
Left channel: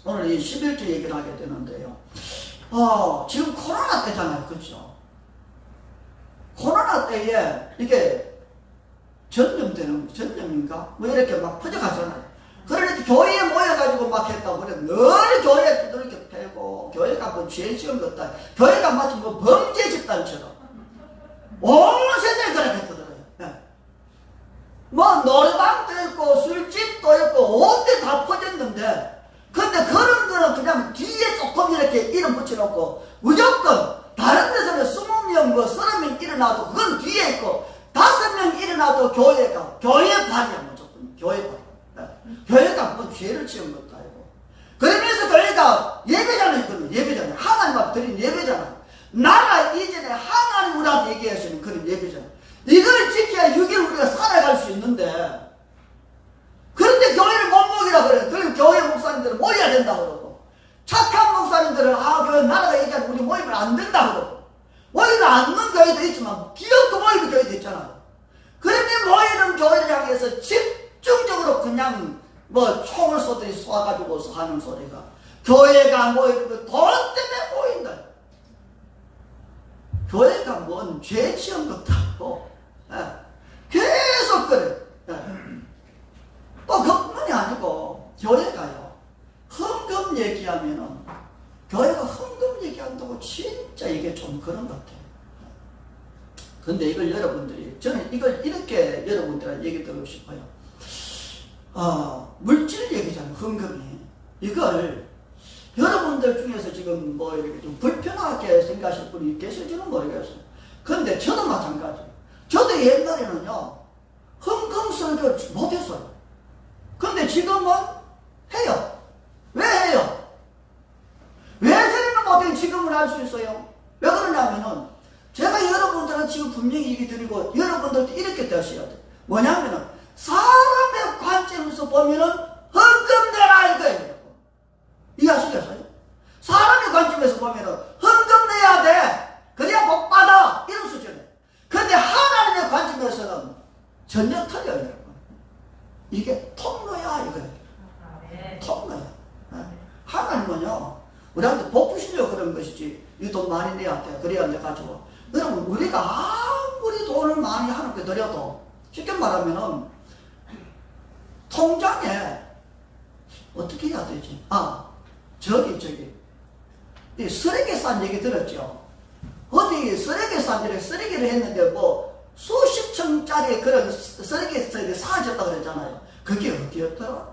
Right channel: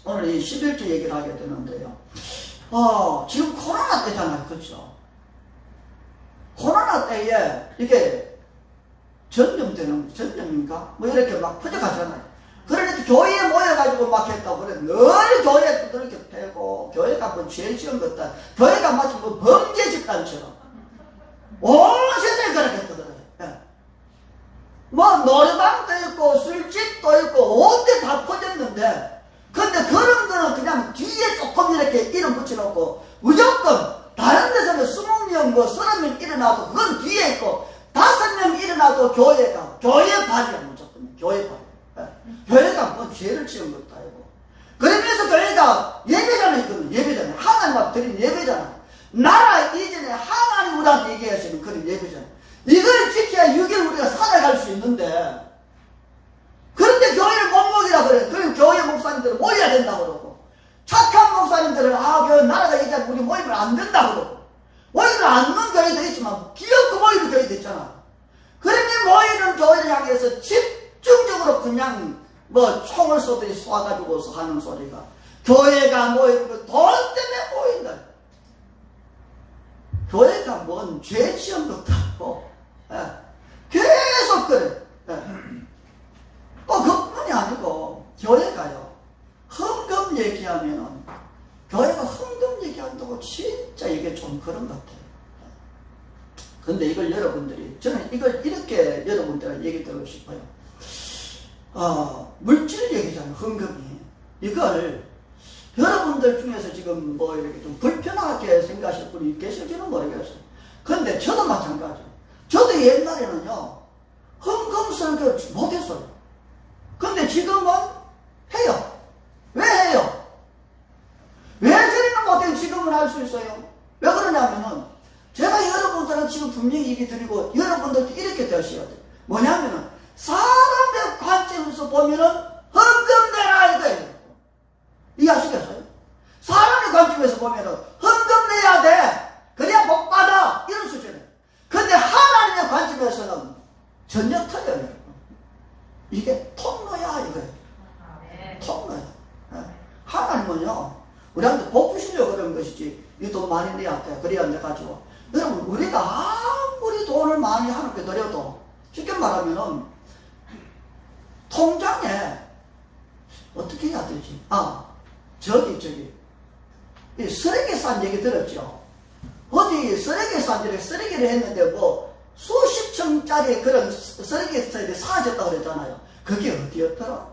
오늘 이 11주 얘기를 하게 되는데요. 지금 코로나 때잖아요. 그렇죠? 코로나 때에 이게 전염인가? 뭐 이렇게 막 퍼져가잖아요. 그러니까 교회에 모여가지고 막 했다고 그래. 늘 교회에 그렇게 패고, 교회가 뭐 죄 지은 것다. 교회가 마치 뭐 범죄 집단처럼. 온 세상에 그렇게 했거든요. 예. 뭐 노래방도 있고, 술집도 있고, 온 데 다 퍼졌는데, 근데 그런 거는 그냥 뒤에 조금 이렇게 이름 붙여놓고, 무조건 다른 데서는 20명, 뭐 30명 일어나도 그건 뒤에 있고, 5명 일어나도 교회 발이야, 무조건. 교회 발. 교회가 뭐 죄를 지은 것도 아니고. 그러면서 교회가 예배잖아요. 예배잖아요. 하나님 앞 드린 예배잖아요. 나라 이전에 하나님 우리한테 얘기하시는 그런 예배잖아요. 이걸 지켜야 6일 우리가 살아갈 수 있는데, 그런데 교회를 못 먹이라 그래요. 그럼 교회 목사님들은 모여야 된다고 그러고, 착한 목사님들은 그 나라가 얘기하는 우리 모이면 안 된다고. 모이면 안 넣는 교회도 있지만 기업도 모이는 교회도 있잖아. 그러니 모이는 교회를 향해서 집중적으로 그냥 뭐 총을 쏴가지고서 하는 소리가 교회가 모이는 거 돈 때문에 모인다. 교회가 뭔 죄 지음부터 하고 계속 그래. 또 그뿐이 아니고 교회가요 헌금 얘기하면은 교회가 헌금 얘기한다고 진짜 이게 좀 그런 것 같아요. 근데 이걸 여러분들이 저는 이걸 이렇게 여러분들한테 얘기 드리고 싶어요. 물질 얘기잖아요. 헌금이 이걸 여러분들 중에서 지금 뭐 이렇게 좀 불편하게 생각하실 분이 계실지는 모르겠어요. 근데 저도 마찬가지. 저도 옛날에는요 헌금 설교를 못했어요. 근데 지금은 해요. 왜 해요? 왜 저리는 못해 지금은 할 수 있어요? 왜 그러냐면은 제가 여러분들은 지금 분명히 얘기 드리고 여러분들도 이렇게 되셔야 돼요. 뭐냐면은 사람의 관점에서 보면은 헌금 내라 이거예요. 이해하시겠어요? 사람의 관점에서 보면은 헌금 내야 돼. 그래야 복 받아. 이런 수준이에요. 근데 하나님의 관점에서는 전혀 틀려요. 이게 통로야 이거예요. 통로야. 하나님은요 우리한테 복 주시려고 그런 것이지 이 돈 많이 내야 돼. 그래야 내 가지고. 여러분 우리가 아무리 돈을 많이 하나님께 드려도 쉽게 말하면은 통장에 어떻게 해야 되지? 저기 이 쓰레기산 얘기 들었죠? 어디 쓰레기를 했는데 뭐 수십층짜리 그런 쓰레기산이 사라졌다 그랬잖아요. 그게 어디였더라?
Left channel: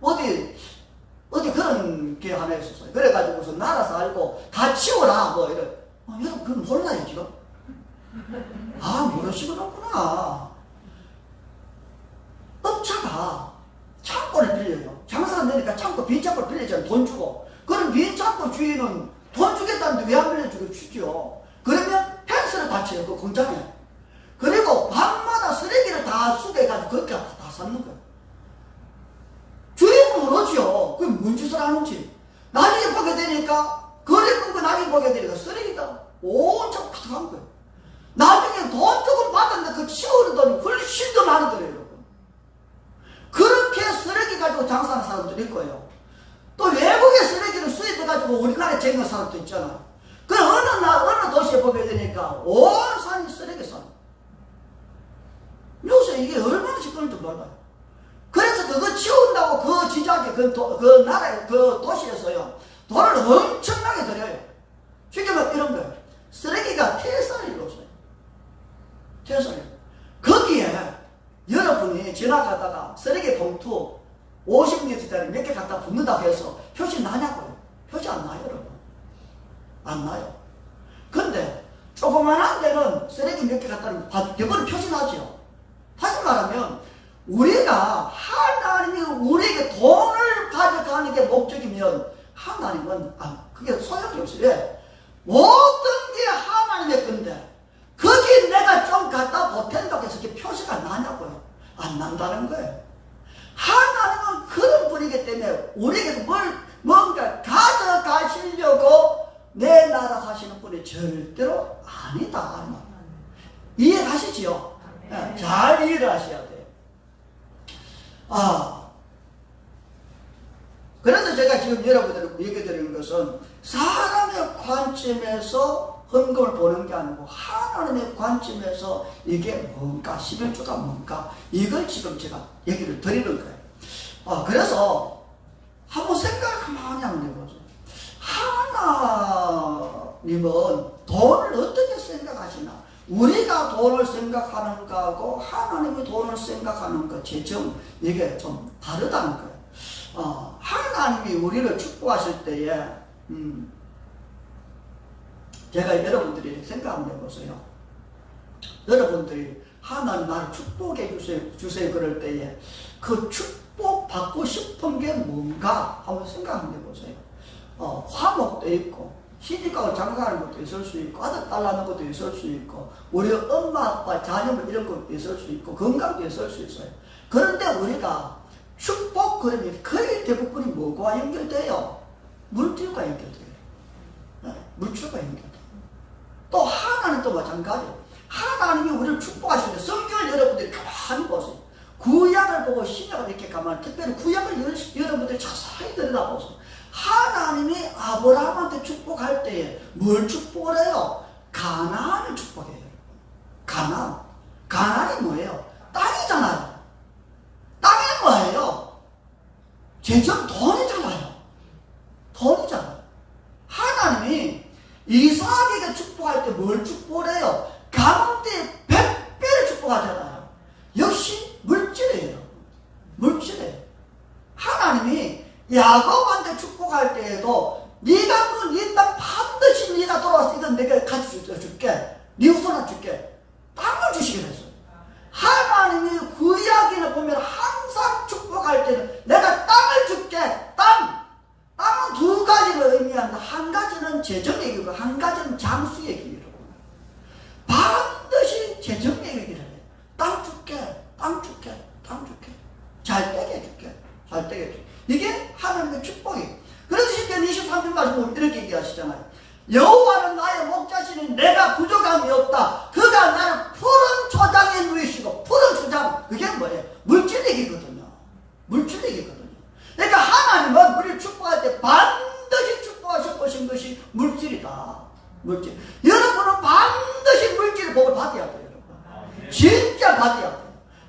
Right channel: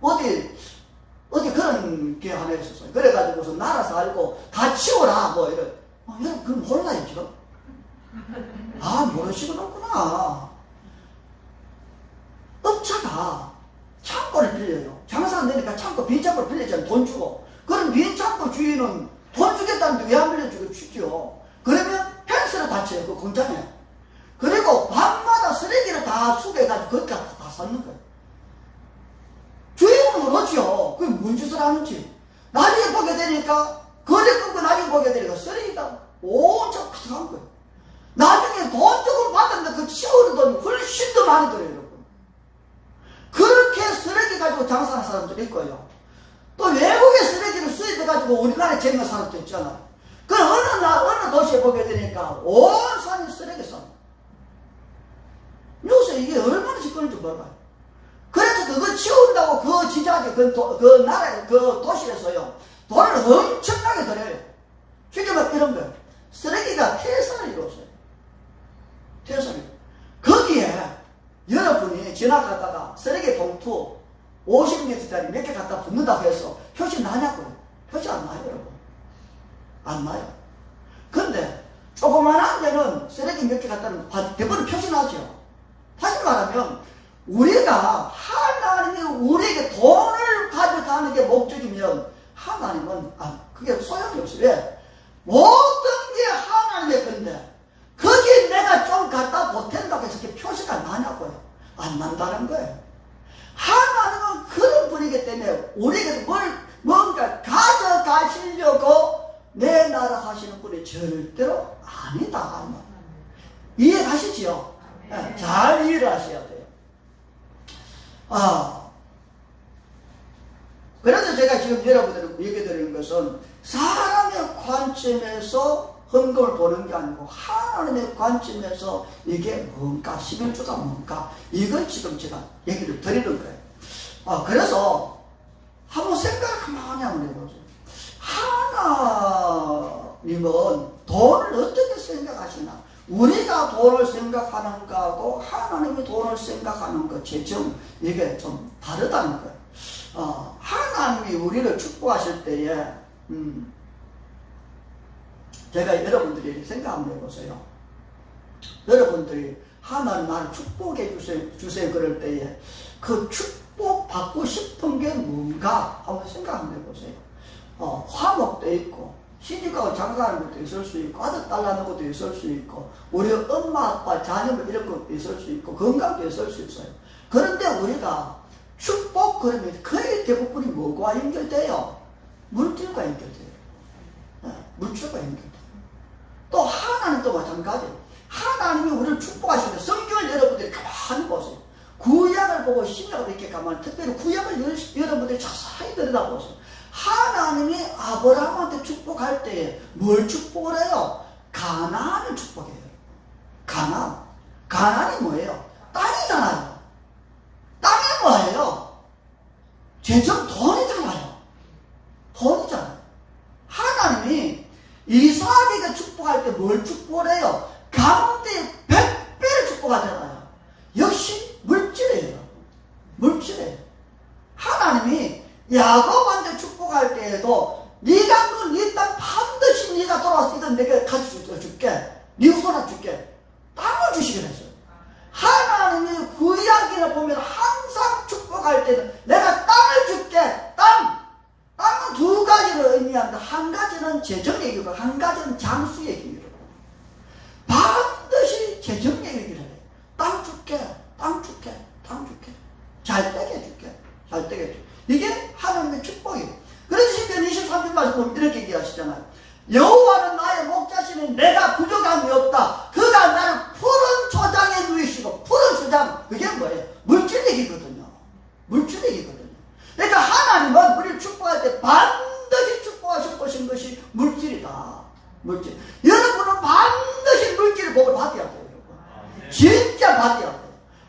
어디 그런 게 하나 있었어요. 그래가지고서 나라서 알고 다 치워라 뭐 이런. 여러분 그건 몰라요 지금? 모르시구나. 업자가 창고를 빌려요. 장사 안 되니까 빈 창고를 빌리잖아요. 돈 주고. 그럼 빈 창고 주인은 돈 주겠다는데 왜 안 빌려주고 주죠? 그러면 펜스를 다 쳐요. 그 공장에. 그리고 밤마다 쓰레기를 다 수거해가지고 거기다 다 쌓는 거예요. 주인은 모르죠. 그게 뭔 짓을 하는지. 나중에 보게 되니까 거래 끊고 나중에 보게 되니까 쓰레기가 온통 가득한 거예요. 나중에 돈 조금 받았는데 그 치우는 돈이 훨씬 더 많은 거예요. 여러분. 그렇게 쓰레기 가지고 장사하는 사람들이 있고요. 또 외국의 쓰레기를 수입해가지고 우리나라에 쟁여 사람도 있잖아. 그 어느 도시에 보게 되니까 온 산이 쓰레기 산. 요새 이게 얼마나 짓거리인지 몰라요. 그래서 그거 치운다고 그 지자체, 그 나라의 그 도시에서요, 돈을 엄청나게 들여요. 쉽게 말하면 이런 거예요. 쓰레기가 태산을 이루었어요. 태산을. 거기에 여러분이 지나가다가 쓰레기 봉투 50리터짜리 몇 개 갖다 붓는다고 해서 표시 나냐고요? 표시 안 나요, 여러분. 안 나요. 근데 조그만한 데는 쓰레기 몇 개 갖다 대부분 표시 나죠. 다시 말하면 우리가 하나님이 우리에게 돈을 가져가는 게 목적이면 하나님은 그게 소용이 없어요. 왜? 모든 게 하나님의 건데 거기 내가 좀 갖다 보탠다고 해서 그게 표시가 나냐고요. 안 난다는 거예요. 하나님은 그런 분이기 때문에 우리에게서 뭔가 가져가시려고 내 나라 하시는 분이 절대로 아니다. 이해가시지요? 네, 잘 이해를 하셔야 돼요. 그래서 제가 지금 여러분들에게 얘기 드리는 것은 사람의 관점에서 헌금을 보는 게 아니고 하나님의 관점에서 이게 뭔가 11조가 뭔가 이걸 지금 제가 얘기를 드리는 거예요. 그래서 한번 생각을 가만히 한번 해보세요. 하나님은 돈을 어떻게 생각하시나? 우리가 돈을 생각하는 거하고 하나님이 돈을 생각하는 것 재정 이게 좀 다르다는 거예요. 하나님이 우리를 축복하실 때에 제가 여러분들이 생각 한번 해보세요. 여러분들이 하나님 나를 축복해 주세요 그럴 때에 그 축복 받고 싶은 게 뭔가 한번 생각 한번 해보세요. 화목도 있고 시집가고 장가가는 것도 있을 수 있고 아들 딸 낳는 것도 있을 수 있고 우리 엄마 아빠 자녀 이런 것도 있을 수 있고 건강도 있을 수 있어요. 그런데 우리가 축복 그러면 거의 대부분이 뭐와 연결돼요? 물질과 연결돼요. 물질과 연결돼요. 또 하나는 또 마찬가지예요. 하나님이 우리를 축복하시는데 성경을 여러분들이 가만히 보세요. 구약을 보고 신약을 이렇게 가만히, 특별히 구약을 여러분들이 자세히 들여다보세요. 하나님이 아브라함한테 축복할 때에 뭘 축복을 해요? 가나안을 축복해요. 가나안이 뭐예요? 땅이잖아요. 땅이 뭐예요? 재정 돈이잖아요. 하나님이 이삭에게 축복할 때 뭘 축복을 해요? 가운데 100배를 축복하잖아요. 역시 물질이에요. 하나님이 야곱한테 축복할 때에도 네가 이 땅 반드시 네가 돌아와서 이건 내가 가져줄게. 네 후손아 줄게. 땅을 주시게 됐어요. 하나님이 구약에 보면 항상 축복할 때는 내가 땅을 줄게. 땅은 두 가지를 의미한다. 한 가지는 재정 얘기고 한 가지는 장수 얘기예요. 반드시 재정 얘기를 해요. 땅 줄게. 잘 되게 해줄게. 이게 하나님의 축복이에요. 그래서 시편 23편 말씀 보면 이렇게 얘기하시잖아요. 여호와는 나의 목자시니 내가 부족함이 없다. 그가 나를 푸른 초장에 누이시고. 푸른 초장, 그게 뭐예요? 물질 얘기거든요. 그러니까 하나님은 우리를 축복할 때 반드시 축복하신 것이 물질이다. 여러분은 반드시 물질의 복을 받아야 돼요. 진짜 받아야 돼요.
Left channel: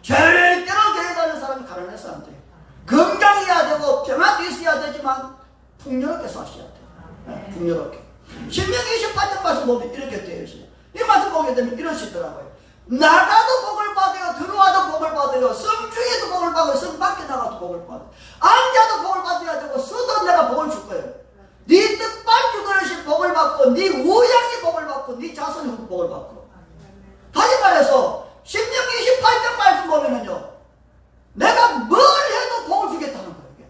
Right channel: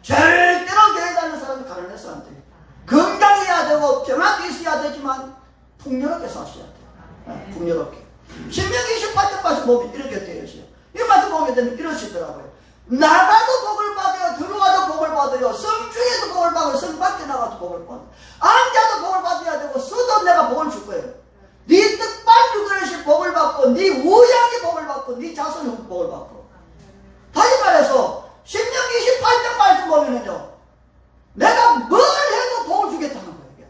절대로 교회 다니는 사람이 가난한 사람들이에요. 건강해야 되고 평안도 있어야 되지만 풍요롭게 사셔야 돼요. 풍요롭게. 신명기 28장 말씀 보면 이렇게 되어 있어요. 이 말씀 보게 되면 이러시더라고요. 나가도 복을 받아요. 들어와도 복을 받아요. 성 중에도 복을 받아요. 성 밖에 나가도 복을 받아요. 앉아도 복을 받아야 되고 서도 내가 복을 줄 거예요. 네 떡반죽 그릇이 복을 받고 네 우양이 복을 받고 네 자손이 복을 받고. 다시 말해서 신명기 28장 말씀 보면은요, 내가 뭘 해도 복을 주겠다는 거예요.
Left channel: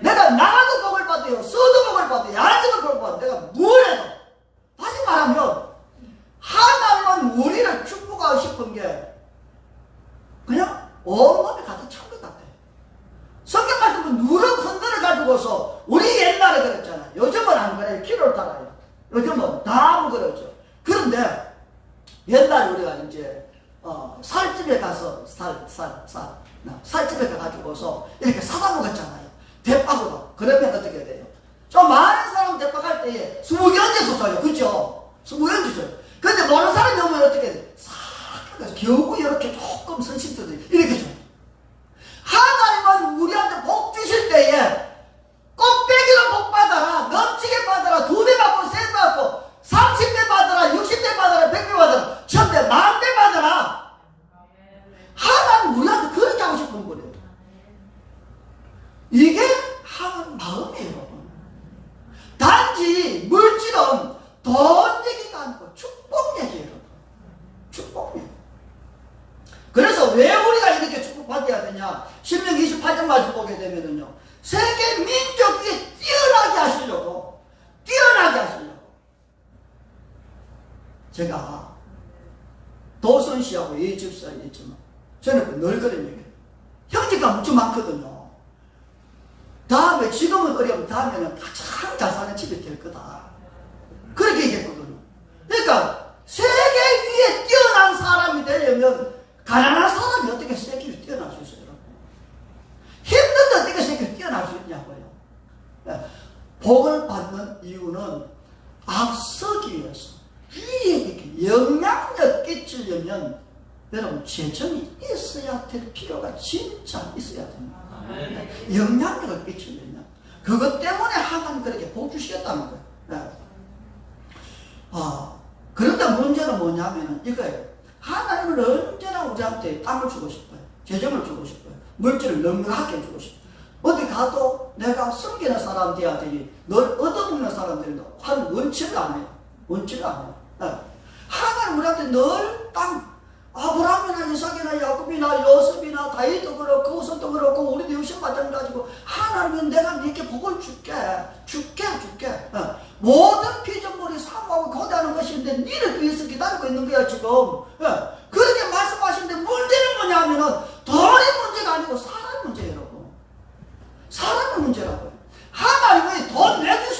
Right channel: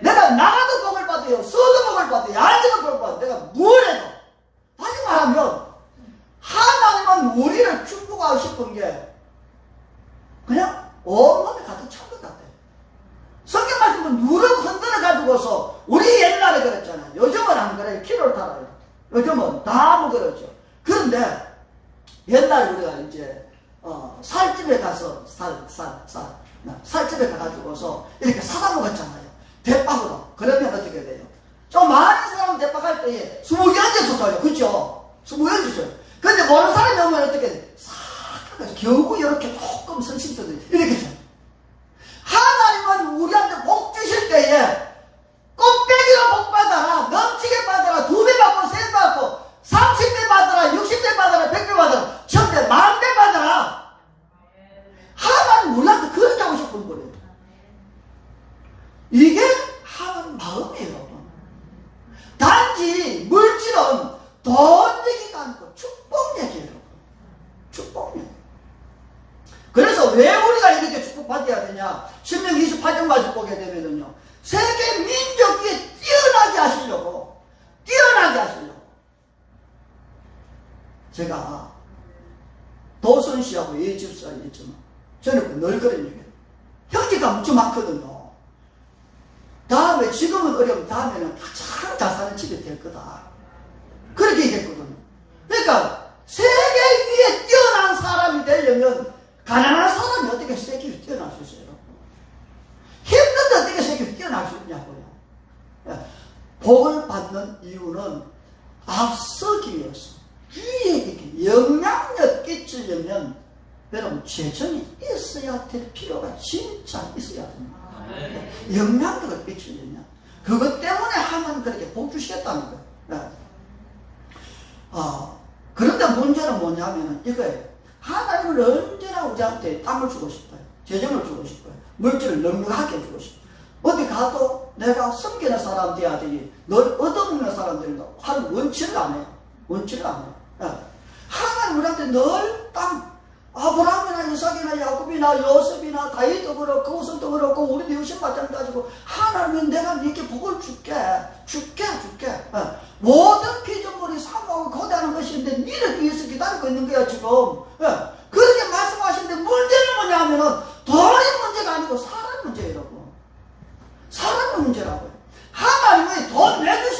내가 나가도 복을 받아요. 서도 복을 받아요. 앉아도 복을 받아요. 내가 뭘 해도. 다시 말하면 하나님은 우리를 축복하고 싶은 게 그냥 온몸에 가득 찬 것 같아요. 성경 말씀은 누룩 흔들어 가지고서 우리 옛날에 그랬잖아요. 요즘은 안 그래요. 키로를 따라요. 요즘은 다 그렇죠. 그런데 옛날에 우리가 이제 살집에 가서 살집에 가가지고서 이렇게 사다 먹었잖아요. 대박으로. 그러면 어떻게 돼요? 좀 많은 사람 대박할 때에 20개 얹어서 줘요. 그렇죠? 20개 얹어서. 근데 모르는 사람이 오면 어떻게 돼? 싹 해서 겨우 이렇게 조금 성심서도 이렇게 줘요. 하나님은 우리한테 복 주실 때에 꽃배기로 복 받아라. 넘치게 받아라. 2배 받고 3배 받고 30배 받아라. 60배 받아라. 100배 받아라. 1000배, 10,000배 받아라. 하나님 우리한테 그렇게 하고 싶은 거예요. 이게 하나님 마음이에요. 단지 물질은 돈 얘기가 아니고 축복 얘기예요. 축복 얘기. 그래서 왜 우리가 이렇게 축복받아야 되냐? 신명기 28장 말씀 보게 되면은요, 세계 민족 위에 뛰어나게 하시려고. 제가 도선 씨하고 이 집사에 있지만 저는 늘 그런 얘기예요. 형제가 무척 많거든요. 다음에 지금은 어려우면 다음에는 가장 잘 사는 집이 될 거다. 그렇게 얘기했거든요. 그러니까 세계 위에 뛰어난 사람이 되려면 가난한 사람이 어떻게 세계 위에 뛰어날 수 있어요? 힘든데 어떻게 세계 위에 뛰어날 수 있냐고요. 복을 받는 이유는 앞서기 위해서 위에 이렇게 영향력 끼치려면 여러분 재정이 있어야 될 필요가 진짜 있어야 됩니다. 영향력을 끼치려면 그것 때문에 하나님 그렇게 복 주시겠다는 거예요. 그런데 문제는 뭐냐면 이거예요. 하나님은 언제나 우리한테 땅을 주고 싶어요. 재정을 주고 싶어요. 물질을 넉넉하게 주고 싶어요. 어디 가도 내가 섬기는 사람 돼야 되니 널 얻어먹는 사람들이 하는 원칙을 안 해요. 하나님 우리한테 늘 땅, 아브라함이나 이삭이나 야곱이나 요셉이나 다윗도 그렇고 우선도 그렇고 우리도 마찬가지고 하나님은 내가 이렇게 복을 줄게. 모든 피조물이 사모하고 거대한 것인데 니를 위해서 기다리고 있는 거야 지금. 그렇게 말씀하시는데 문제는 뭐냐면은 돈이 문제가 아니고 사람의 문제라고. 하나님이 돈 내주시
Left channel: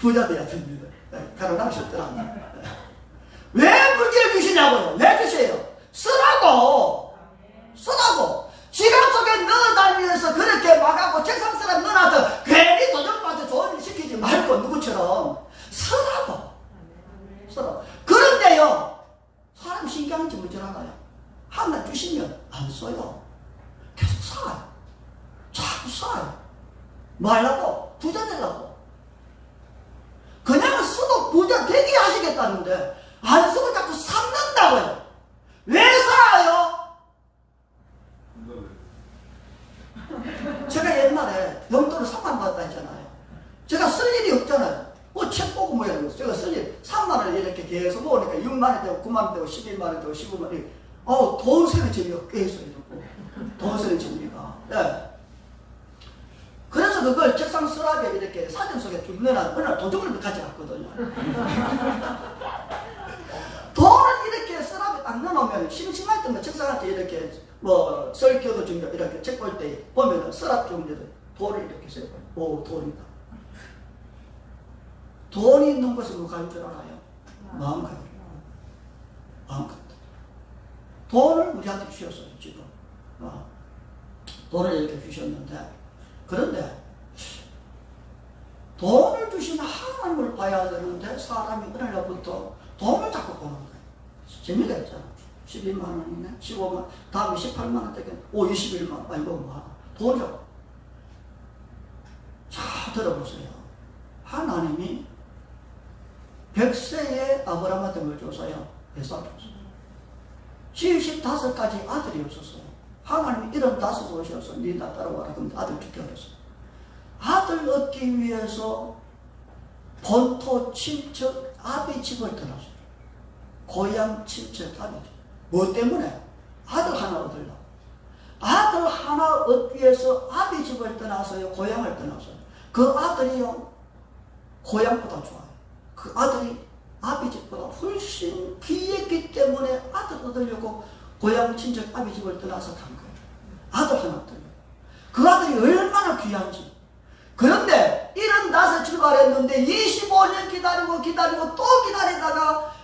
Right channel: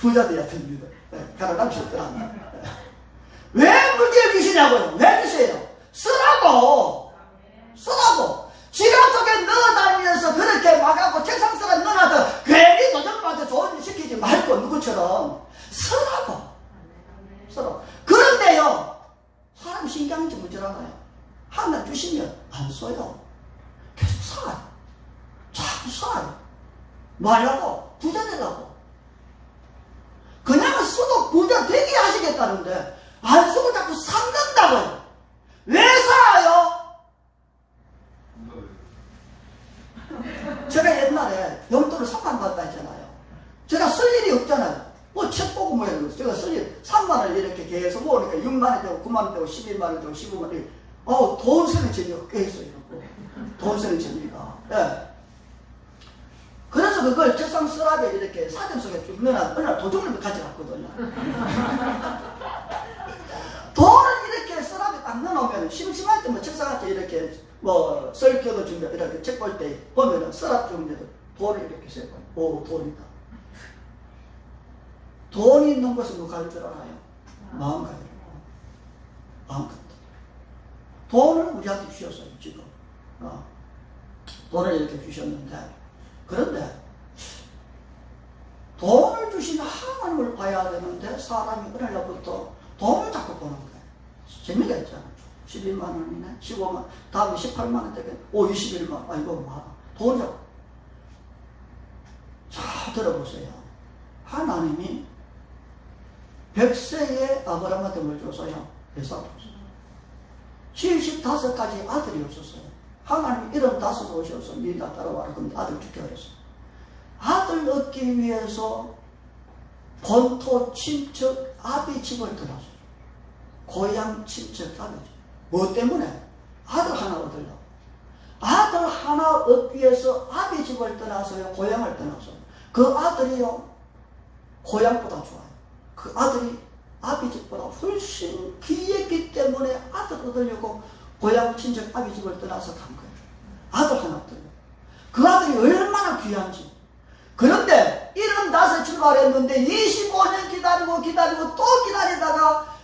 부자 돼야 됩니다. 가난하면 쉽더라. 왜 물질을 주시냐고요? 왜 주세요? 쓰라고! 쓰라고! 지갑 속에 넣어다니면서 그렇게 막하고 책상 속에 넣어놔서 괜히 도전받아 좋은 일 시키지 말고 누구처럼 쓰라고! 쓰라고. 그런데요, 사람 신경인지 뭔지 알아요? 하나 주시면 안 써요. 계속 사요. 자꾸 사요. 뭐 하려고? 부자 되려고. 그냥 써도 부자 되게 하시겠다는데 안 쓰고 자꾸 샀는다고요. 왜 사요? 제가 옛날에 용돈을 3만 받았다 했잖아요. 제가 쓸 일이 없잖아요. 뭐 책 보고 뭐 이런 거. 제가 쓸 일 3만 원을 이렇게 계속 모으니까 6만 원 되고 9만 원 되고 11만 원 되고 15만 원 되고 돈 쓰는 재미가 꽤 있어요. 돈 쓰는 재미가. 예. 그래서 그걸 책상 서랍에 이렇게 사진 속에 쭉 넣어놔. 어느 날 도둑을 가져갔거든요. 돈을 이렇게 서랍에 딱 넣어놓으면 심심할 때 뭐 책상한테 이렇게 뭐 설교도 준비 이렇게 책 볼 때 보면은 서랍 중에도 돈을 이렇게 세고 오 돈이다. 돈이 있는 곳에 누가 갈 줄 알아요? 마음가짐. 마음가짐. 돈을 우리한테 주셨어요 지금. 돈을 이렇게 주셨는데 그런데 돈을 주신 하나님을 봐야 되는데 사람이 어느 날부터 돈을 자꾸 보는 거예요. 재미가 있잖아. 11만 원이네, 15만, 다음에 18만 원 되겠네, 21만 원, 아이고, 뭐, 돈이요. 자, 들어보세요. 하나님이 100세에 아브라함한테 뭘 줬어요? 회사 줬어요. 75가지 아들이 없었어요. 하나님이 75을 오셔서 니나 따라와라. 근데 아들 죽게 그랬어요. 아들 얻기 위해서 본토 친척 아비 집을 떠났어요. 고향 친척 아비 집. 뭐 때문에? 아들 하나 얻으려고. 아들 하나 얻기 위해서 아비 집을 떠나서요. 고향을 떠났어요. 그 아들이요. 고향보다 좋아요. 그 아들이 아비 집보다 훨씬 귀했기 때문에 아들 얻으려고 고향 친척 아비 집을 떠나서 간 거예요. 아들 하나 떠요. 그 아들이 얼마나 귀한지. 그런데 75 출발했는데 25년 기다리고 또 기다리다가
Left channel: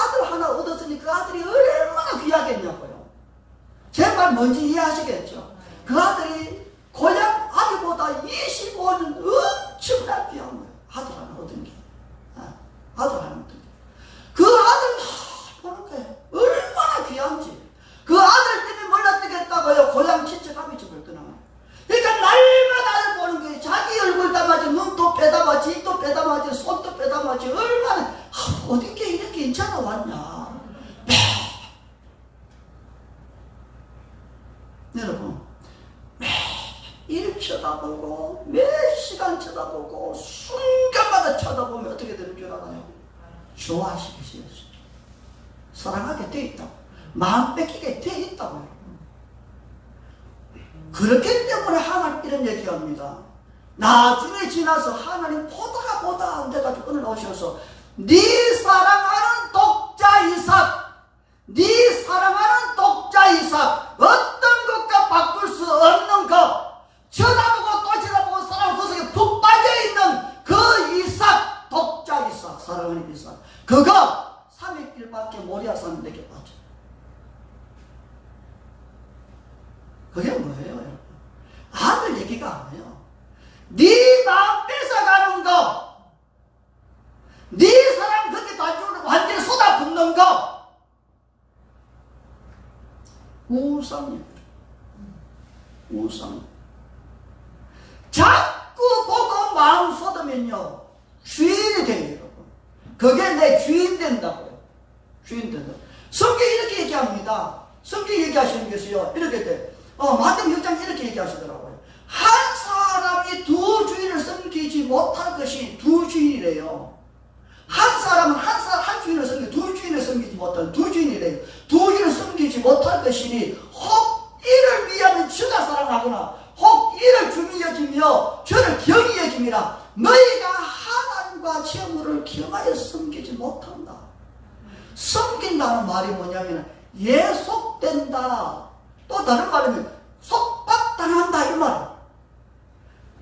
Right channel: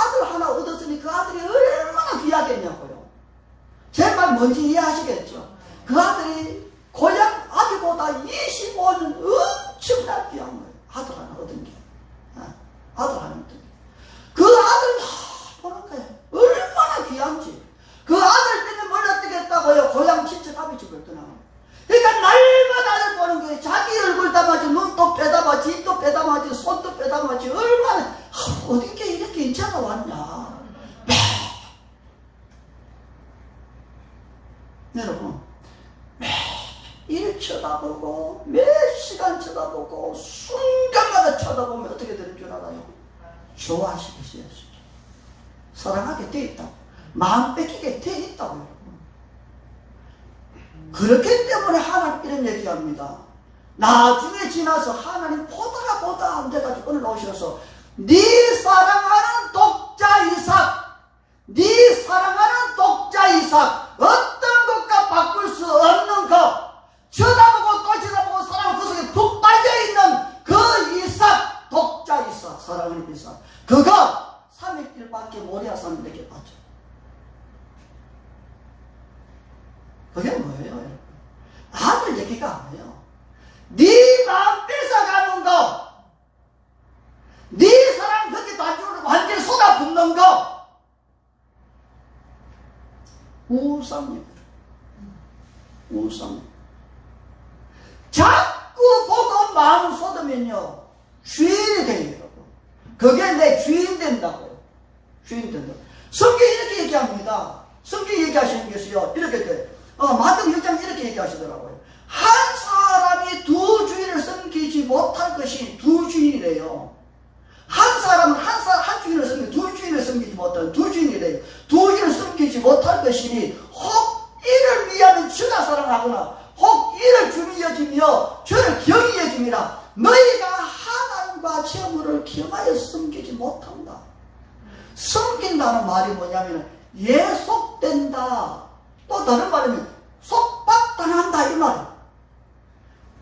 아들 하나 얻었으니 그 아들이 얼마나 귀하겠냐고요. 제 말 뭔지 이해하시겠죠? 그 아들이 고향 아비보다 25년 엄청나게 귀한 거예요. 아들 하나 얻은 게. 아들 하나 얻은 게. 그 아들 보는 거예요. 얼마나 귀한지. 그 아들 때문에 몰라뜨겠다고요. 고향 친척 아비 집을 떠나요. 그러니까 날마다 보는 거예요. 자기 얼굴 담아지, 눈도 빼담아지, 입도 빼담아지, 손도 빼담아지. 얼마나 어딘게 이렇게 인차가 왔냐. 여러분 매일 쳐다보고 몇 시간 쳐다보고 순간마다 쳐다보면 어떻게 되는 줄 알아요? 좋아하시게 되었어요. 사랑하게 돼 있다. 마음 뺏기게 돼 있다고요. 그렇기 때문에 하나님 이런 얘기합니다. 나중에 지나서 하나님 보다 안 돼가지고 오늘 오셔서 네 사랑하는 독자 이삭, 네 사랑하는 독자 이삭, 어떤 것과 바꿀 수 없는 것, 쳐다보고 또 쳐다보고 사랑 그 속에 푹 빠져있는 그 이삭, 독자 이삭, 사랑하는 이삭, 그거 3일길밖에 모리아산 내게 빠져. 그게 뭐예요, 여러분? 아들 얘기가 아니에요. 네 마음 뺏어가는 거, 네 사랑 거기 단중으로 완전히 쏟아붓는 거, 우상이에요. 우상. 자꾸 보고 마음 쏟으면요 주인이 돼요, 여러분. 그게 내 주인 된다고요. 주인 된다. 성경 이렇게 얘기합니다. 성경 얘기하시는 것이요 이렇게 돼. 마태복음 6장 이렇게 얘기하시더라고요. 한 사람이 두 주인을 섬기지 못할 것이 두 주인이래요. 한 사람은 한 주인을 섬기지, 두 주인을 섬기지 못할 두 주인이래요. 두 주인을 섬기지 못할 것이니 혹 이를 위하면 주가 사랑하거나 혹 이를 주미 여기며 저를 경히 여김이라. 너희가 하나님과 재물을 겸하여 섬기지 못한다. 섬긴다는 말이 뭐냐면 예속된다. 또 다른 말이면 속박당한다 이 말.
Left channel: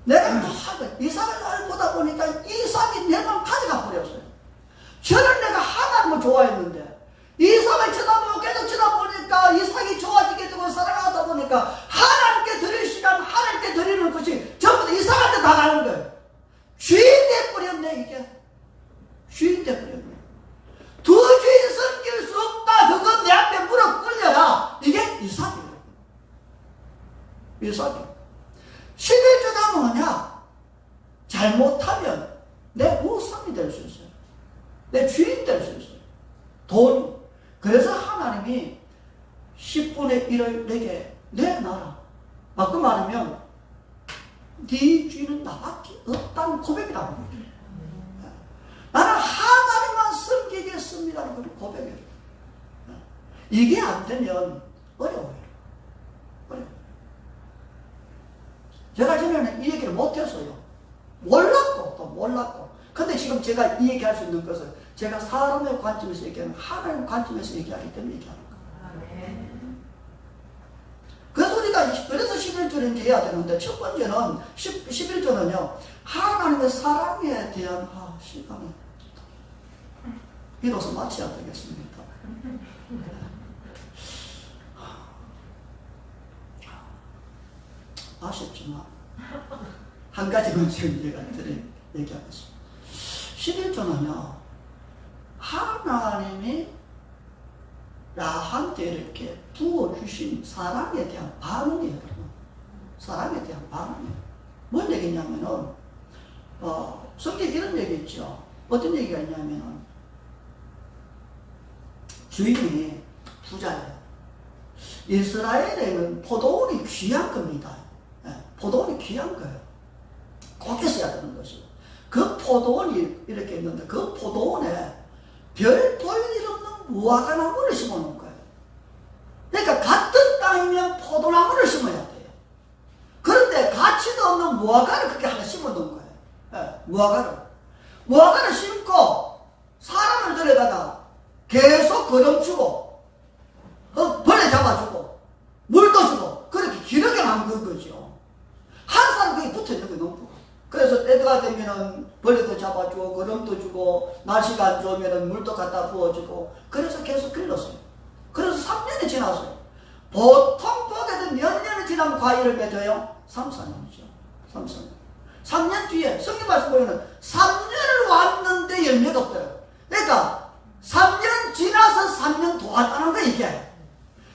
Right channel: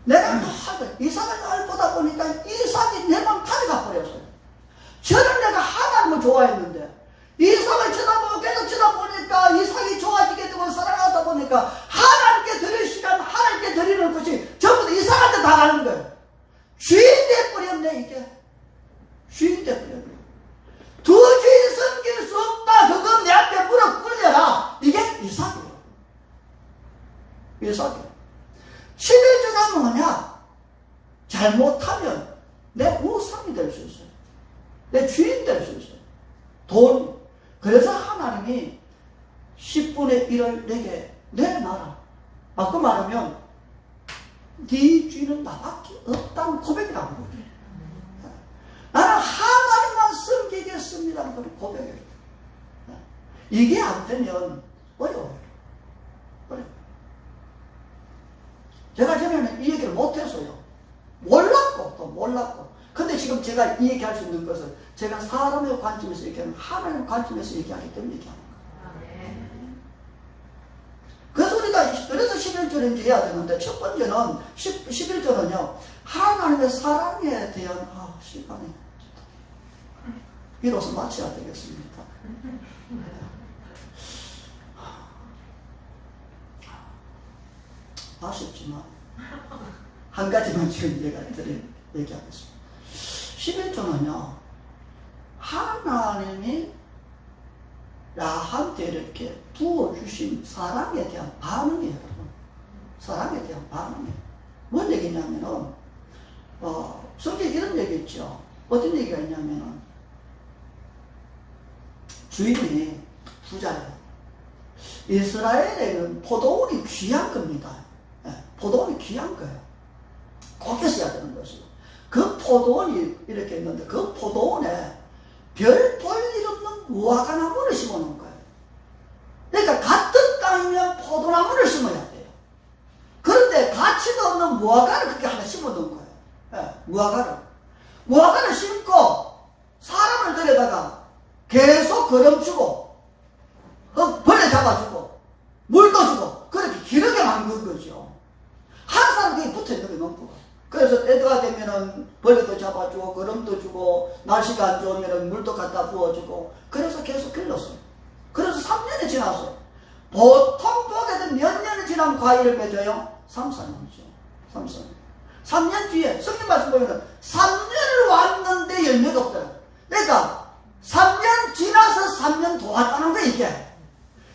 내가 또 하고 이삭을 날 보다 보니까 이삭이 내 맘 가져가 버렸어요. 저는 내가 하나님을 좋아했는데 이삭을 계속 쳐다보니까 이삭이 좋아지게 되고 사랑하다 보니까 하나님께 드릴 시간, 하나님께 드리는 것이 전부 다 이삭한테 다 가는 거예요. 주인 돼버렸네. 이게 주인 돼버렸네. 두 주인 섬길 수 없다. 그건 내 앞에 무릎 꿇려라. 이게 이삭이에요. 이삭이에요. 11조가 뭐냐? 잘못하면 내 우상이 될 수 있어요. 내 주인 될 수 있어요. 돈. 그래서 하나님이 10분의 1을 내게 내놔라. 그 말하면 네 주인은 나밖에 없다는 고백이라는 거예요. 나는 하나님만 섬기겠습니다는 그 고백이에요. 이게 안 되면 어려워요. 제가 전에는 이 얘기를 못했어요. 몰랐고 또 몰랐고. 근데 지금 제가 이 얘기할 수 있는 것은 제가 사람의 관점에서 얘기하는 하나님의 관점에서 얘기하기 때문에 얘기하는 거예요. 그래서 우리가 그래서 11조는 해야 되는데 첫 번째는 11조는요 하나님의 사랑에 대한 시간이 이로써 마쳐야 되겠습니다. 아쉽지만 한 가지만 지금 얘기하겠습니다. 11조는요 하나님이 나한테 이렇게 부어주신 사랑에 대한 반응이에요. 사랑에 대한 반응이에요. 뭔 얘기냐면은 성경에 이런 얘기 있죠. 어떤 얘기가 있냐면은 주인이 부자예요. 이스라엘에는 포도원이 귀한 겁니다. 포도원이 귀한 거예요. 꼭 있어야 되는 것이고 그 포도원이 이렇게 있는데 그 포도원에 별 볼 일 없는 무화과나무를 심어놓은 거예요. 그러니까 같은 땅이면 포도나무를 심어야 돼요. 그런데 가치도 없는 무화과를 그렇게 하나 심어놓은 거예요. 무화과를 심고 사람을 데려다가 계속 거름 주고 벌레 잡아주고 물도 주고 그렇게 기르게 만든 거죠. 항상 그게 붙어있는 게 너무 좋아. 그래서 때가 되면은 벌레도 잡아주고 거름도 주고 날씨가 안 좋으면은 물도 갖다 부어주고 그래서 계속 길렀어요. 그래서 3년이 지났어요. 보통 보게 되면 몇 년이 지나면 과일을 맺어요? 3, 4년이죠. 3년 뒤에 성경 말씀 보면은 3년을 왔는데 열매가 없더라. 그러니까 3년 지나서 3년 더 왔다는 거야 이게.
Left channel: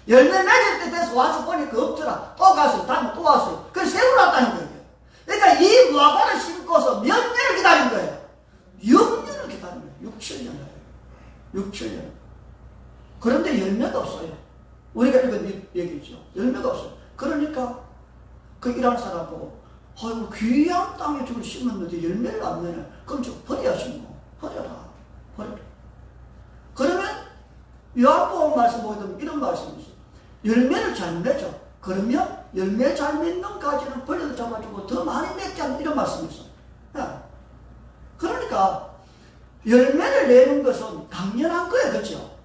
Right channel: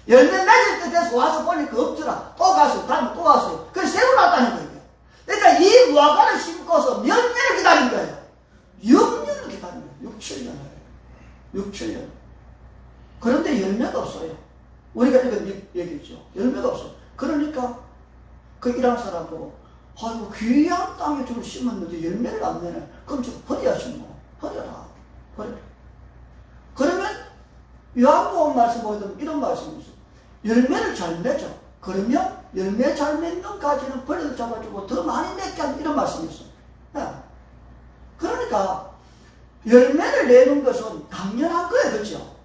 열매 맺을 때 돼서 와서 보니까 없더라. 또 가서 다음에 또 왔어요. 그래서 세월 왔다는 거예요. 그러니까 이 무화과를 심고서 몇 년을 기다린 거예요? 6년을 기다린 거예요. 6, 7년을. 6, 7년. 그런데 열매가 없어요. 우리가 이런 얘기죠. 열매가 없어요. 그러니까 그 일하는 사람 보고 아이고 귀한 땅에 좀 심었는데 열매를 안 내네. 그럼 좀 버려야지 뭐. 버려라. 그러면 요한복음 말씀 보면 이런 말씀이 있어요. 열매를 잘 맺어. 그러면 열매 잘 맺는 가지는 벌레도 잡아주고 더 많이 맺게 하는 이런 말씀이 있어요. 그러니까 열매를 내는 것은 당연한 거예요. 그렇죠?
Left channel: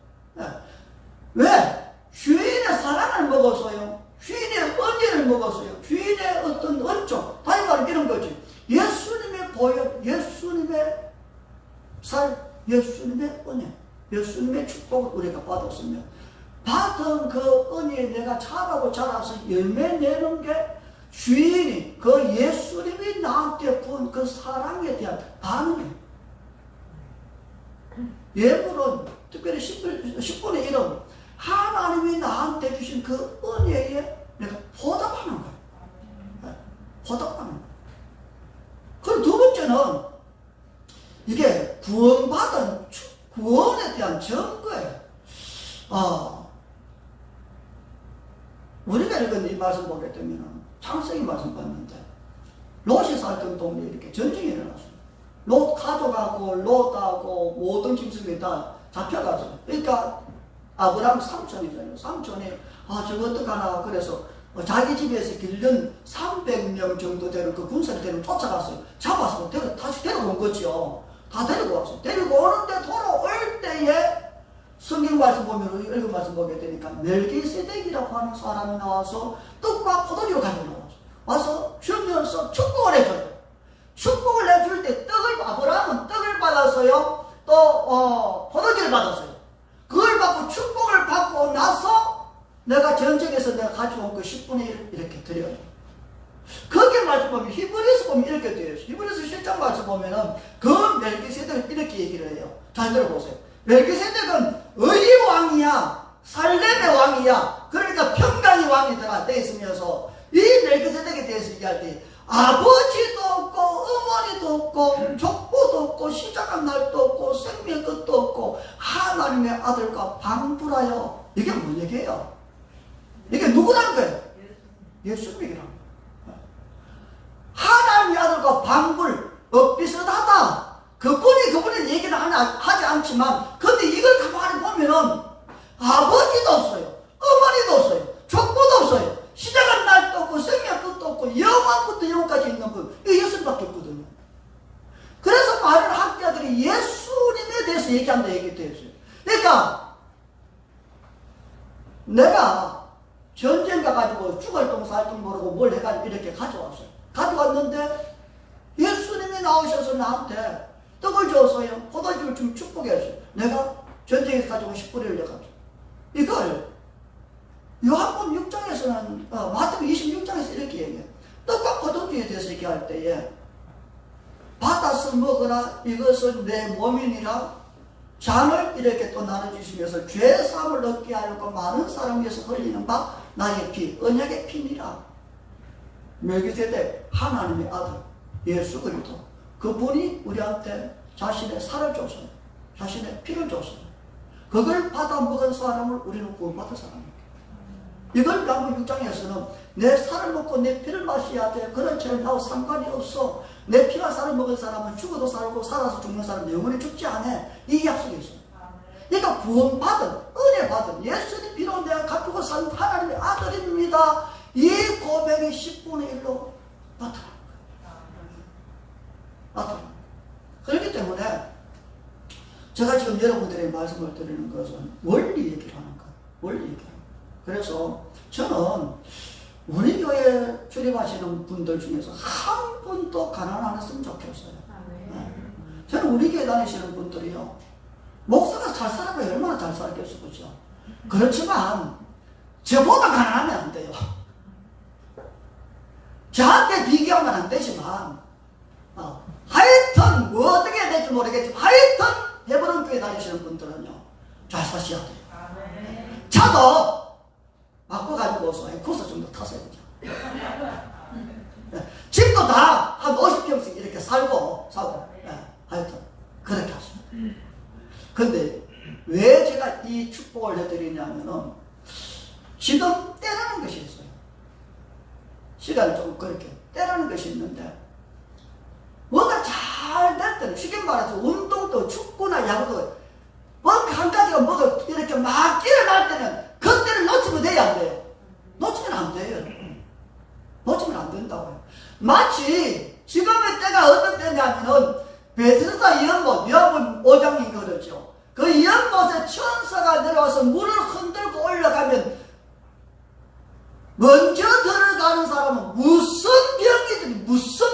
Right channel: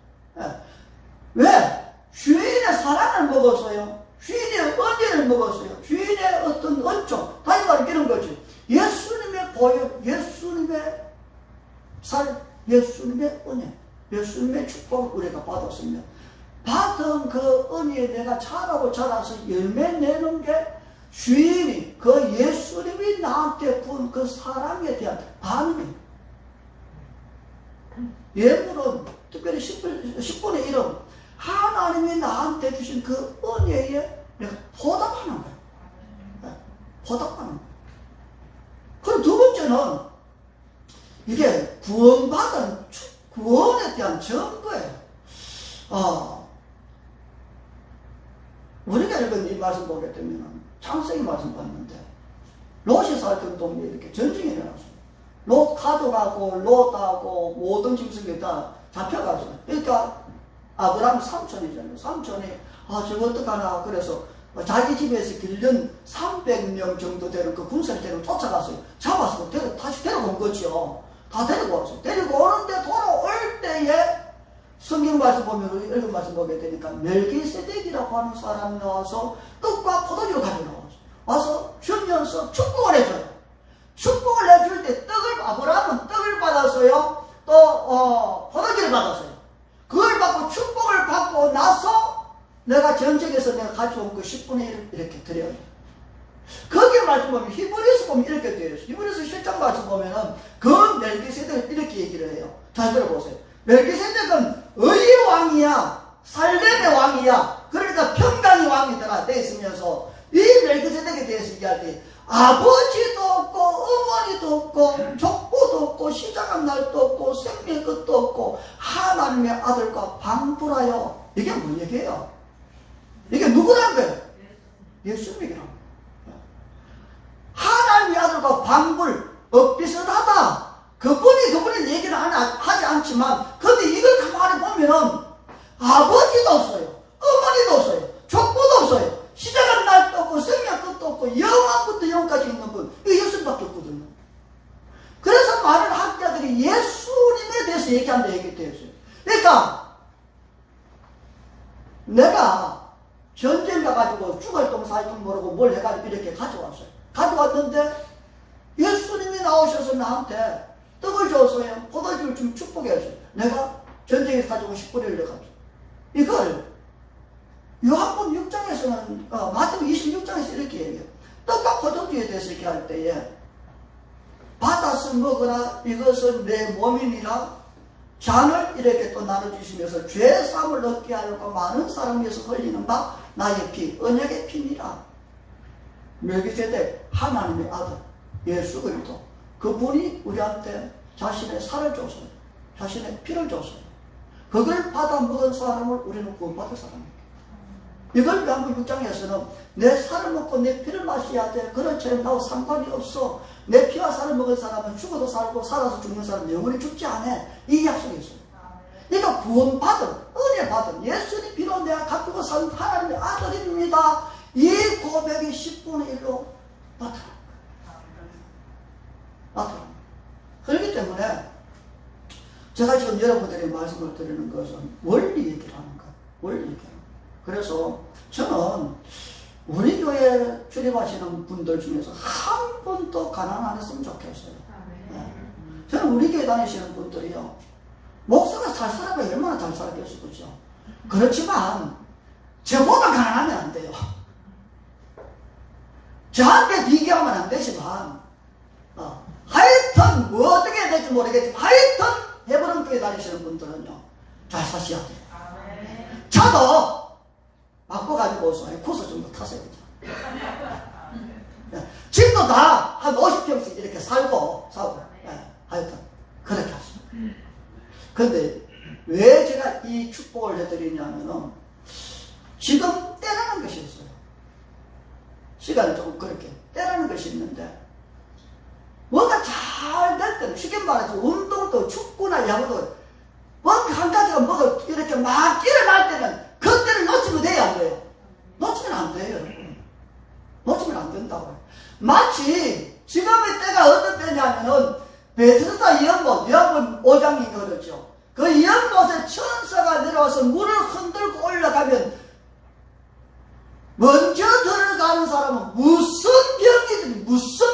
왜? 주인의 사랑을 먹었어요. 주인의 은혜를 먹었어요. 주인의 어떤恩종. 다시 말하면 이런 거지. 예수님의 보혈, 예수님의 살, 예수님의 은혜, 예수님의 축복을 우리가 받았으면 받은 그 은혜에 내가 자라서 열매 내는 게 주인이 그 예수님이 나한테 부은 그 사랑에 대한 반응이에요. 예물은 특별히 10분의 1은 하나님이 나한테 주신 그 은혜에 내가 보답하는 거예요. 보답하는 거예요. 그럼 두 번째는 이게 구원받은 구원에 대한 증거예요. 우리가 읽은 이 말씀 보게 되면 창세기 말씀 봤는데 롯이 살던 동네에 이렇게 전쟁이 일어났어요. 롯 가족하고 롯하고 모든 짐승이 다 잡혀갔어요. 그러니까 아브라함 삼촌이잖아요. 삼촌이 저거 어떡하나 그래서 자기 집에서 길른 300명 정도 되는 그 군사를 데리고 쫓아갔어요. 잡아서 다시 데려온 거죠. 다 데리고 왔어요. 데리고 오는데 돌아올 때에 성경 말씀 보면 읽은 말씀 보게 되니까 멜기세덱이라고 하는 사람이 나와서 떡과 포도주를 가지고 나왔어요. 와서 주면서 축복을 해줘요. 축복을 해줄 때 아브라함은 떡을 받았어요. 또 포도주를 받았어요. 그걸 받고 축복을 받고 나서 내가 전쟁에서 내가 가져온 그 10분의 1 이렇게 드려요. 거기에 말씀 보면 히브리서 보면 이렇게 되어 있어요. 히브리서 실장 말씀 보면은 그 멜기세덱을 이렇게 얘기를 해요. 잘 들어보세요. 멜기세덱은 의의 왕이야. 살렘의 왕이야. 그러니까 평강의 왕이더라 돼 있으면서 이 멜기세덱에 대해서 얘기할 때 아버지도 없고 어머니도 없고 족보도 없고 시작한 날도 없고 생명 끝도 없고 하나님의 아들과 방부라요. 이게 뭔 얘기예요? 이게 누구란 거예요? 예수님이란 거예요. 하나님의 아들과 방불 비슷하다. 그분이 얘기는 하지 않지만 근데 이걸 가만히 보면은 아버지도 없어요. 어머니도 없어요. 족보도 없어요. 시작한 날도 없고 생명 끝도 없고 영원부터 영까지 있는 분 이 예수님밖에 없거든요. 그래서 많은 학자들이 예수님에 대해서 얘기한다 얘기했어요. 그러니까 내가 전쟁 가가지고 죽을 똥 살 똥 모르고 뭘 해가지고 이렇게 가져왔어요. 가져왔는데 예수님이 나오셔서 나한테 떡을 줬어요. 포도주를 좀 축복했어요. 내가 전쟁에서 가지고 10분의 1 내가지고 이걸 요한복음 6장에서는 마태복음 26장에서 이렇게 얘기해요. 떡과 포도주에 대해서 얘기할 때에 받아서 먹으라 이것은 내 몸이니라 잔을 이렇게 또 나눠주시면서 죄사함을 얻게 하려고 많은 사람 위해서 흘리는 바 나의 피 언약의 피니라. 멜기세덱 하나님의 아들 예수 그리스도 그분이 우리한테 자신의 살을 줬어요. 자신의 피를 줬어요. 그걸 받아 먹은 사람을 우리는 구원받은 사람입니다. 이걸 요한복음 6장에서는 내 살을 먹고 내 피를 마셔야 돼. 그런 죄는 나하고 상관이 없어. 내 피와 살을 먹은 사람은 죽어도 살고 살아서 죽는 사람은 영원히 죽지 않아. 이 약속이 있어요. 그러니까 구원받은 은혜 받은 예수님 피로 내가 가지고 산 하나님의 아들입니다. 이 고백이 10분의 1로 나타납니다. 그렇기 때문에 제가 지금 여러분들에게 말씀을 드리는 것은 원리 얘기를 하는 거예요. 원리 얘기를 하는 거예요. 그래서 저는 우리 교회 출입하시는 분들 중에서 한 분도 가난 안 했으면 좋겠어요. 네. 저는 우리 교회 다니시는 분들이요. 목사가 잘 살아봐야 얼마나 잘 살겠어, 그죠? 그렇지만 저보다 가난하면 안 돼요. 저한테 비교하면 안 되지만 하여튼 뭐 어떻게 해야 될지 모르겠지만 하여튼 해버런 교회 다니시는 분들은요 잘 사셔야 돼요. 저도 바꿔가지고 코스 정도 탔어야 되죠. 집도 다 한 50평씩 이렇게 사고 하여튼 그렇게 하십니다. 근데 왜 제가 이 축복을 해드리냐면은 지금 때라는 것이 있어요. 시간이 조금 그렇게 때라는 것이 있는데 뭐가 잘 될 때는 쉽게 말해서 운동도 축구나 야구도 뭔가 한 가지가 뭐가 이렇게 막 일어날 때는 그때를 놓치면 돼야 안 돼요. 놓치면 안 돼요. 놓치면 안 된다고요. 마치 지금의 때가 어떤 때냐면은 베드스다 연못, 요한복음 5장인 그렇죠. 그 연못에 천사가 내려와서 물을 흔들고 올라가면 먼저 들어가는 사람은 무슨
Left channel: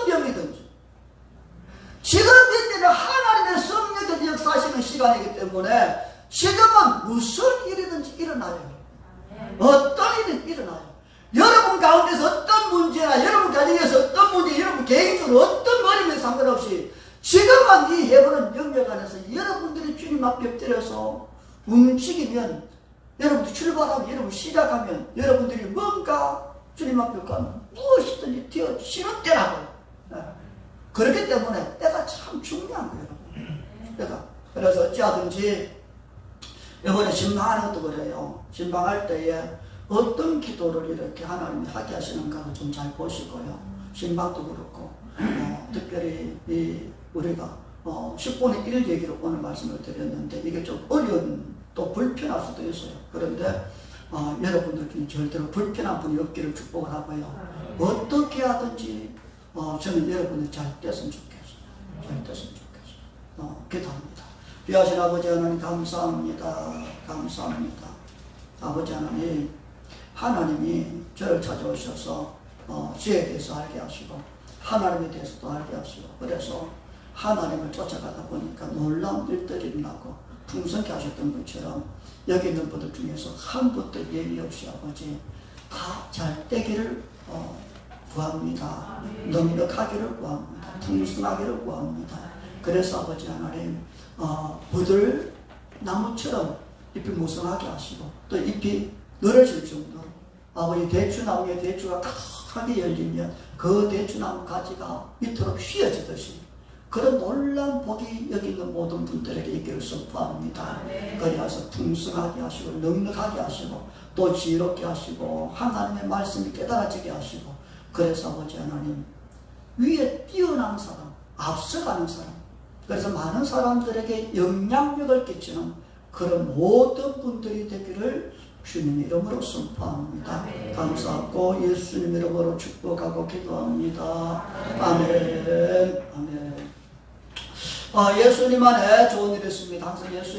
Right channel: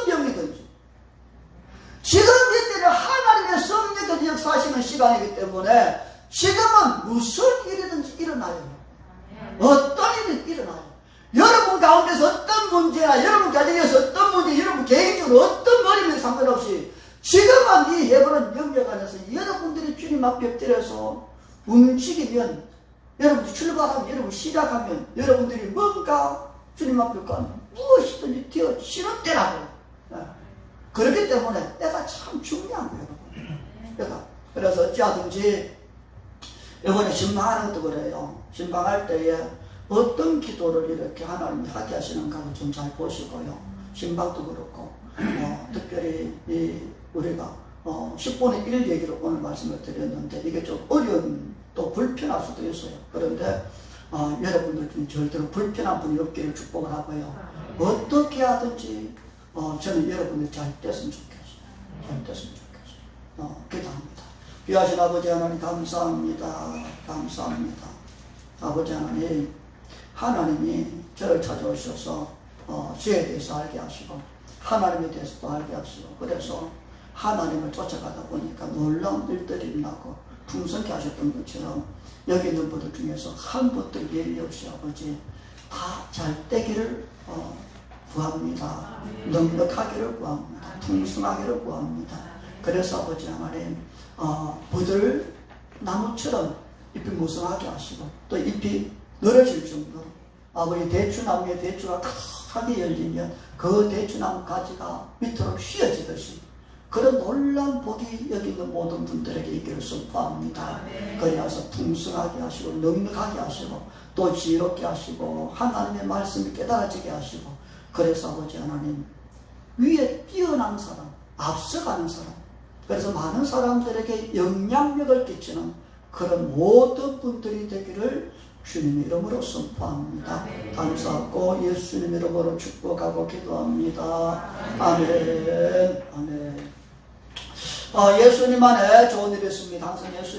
병이든지 지금 이때는 하나님의 성령께서 역사하시는 시간이기 때문에 지금은 무슨 일이든지 일어나요. 어떤 일이든 일어나요. 여러분 가운데서 어떤 문제나 여러분 가정에서 어떤 문제, 여러분 개인적으로 어떤 거리면 상관없이 지금은 이 해보는 영역 안에서 여러분들이 주님 앞에 엎드려서 움직이면 여러분들이 출발하면 여러분 시작하면 여러분들이 뭔가 주님 앞에 가면 무엇이든지 되어 쉬는 때라고요. 그렇기 때문에 때가 참 중요한 거예요. 때가. 그래서 어찌하든지 이번에 신방하는 것도 그래요. 신방할 때에 어떤 기도를 이렇게 하나님이 하게 하시는가를 좀 잘 보시고요. 신방도 그렇고 특별히 우리가 10분의 1 얘기로 오늘 말씀을 드렸는데 이게 좀 어려운 또 불편할 수도 있어요. 그런데 여러분들 중에 절대로 불편한 분이 없기를 축복을 하고요. 어떻게 하든지 저는 여러분들 잘 됐으면 좋겠어요. 잘 됐으면 좋겠어요. 기도합니다. 귀하신 아버지 하나님 감사합니다. 감사합니다. 아버지 하나님, 하나님이 저를 찾아오셔서 죄에 대해서 알게 하시고 하나님에 대해서도 알게 하시고 그래서 하나님을 쫓아가다 보니까 놀라운 일들이 일어나고 풍성케 하셨던 것처럼 여기 있는 분들 중에서 한 분도 예외 없이 아버지 다 잘 되기를 구합니다. 넉넉하기를 구합니다. 풍성하기를 구합니다. 그래서 아버지 하나님 부들 나무처럼 잎이 무성하게 하시고 또 잎이 늘어질 정도로 아버지 대추나무에 대추가 가득하게 열리면 그 대추나무 가지가 밑으로 휘어지듯이 그런 놀라운 복이 여기 있는 모든 분들에게 있기를 선포합니다. 그래서 풍성하게 하시고 넉넉하게 하시고 또 지혜롭게 하시고 하나님의 말씀이 깨달아지게 하시고 그래서 아버지 하나님 위에 뛰어난 사람, 앞서가는 사람 그래서 많은 사람들에게 영향력을 끼치는 그런 모든 분들이 되기를 주님 이름으로 선포합니다. 감사하고 예수님 이름으로 축복하고 기도합니다. 아멘. 아멘. 예수님 안에 좋은 일이 있습니다. 항상 예수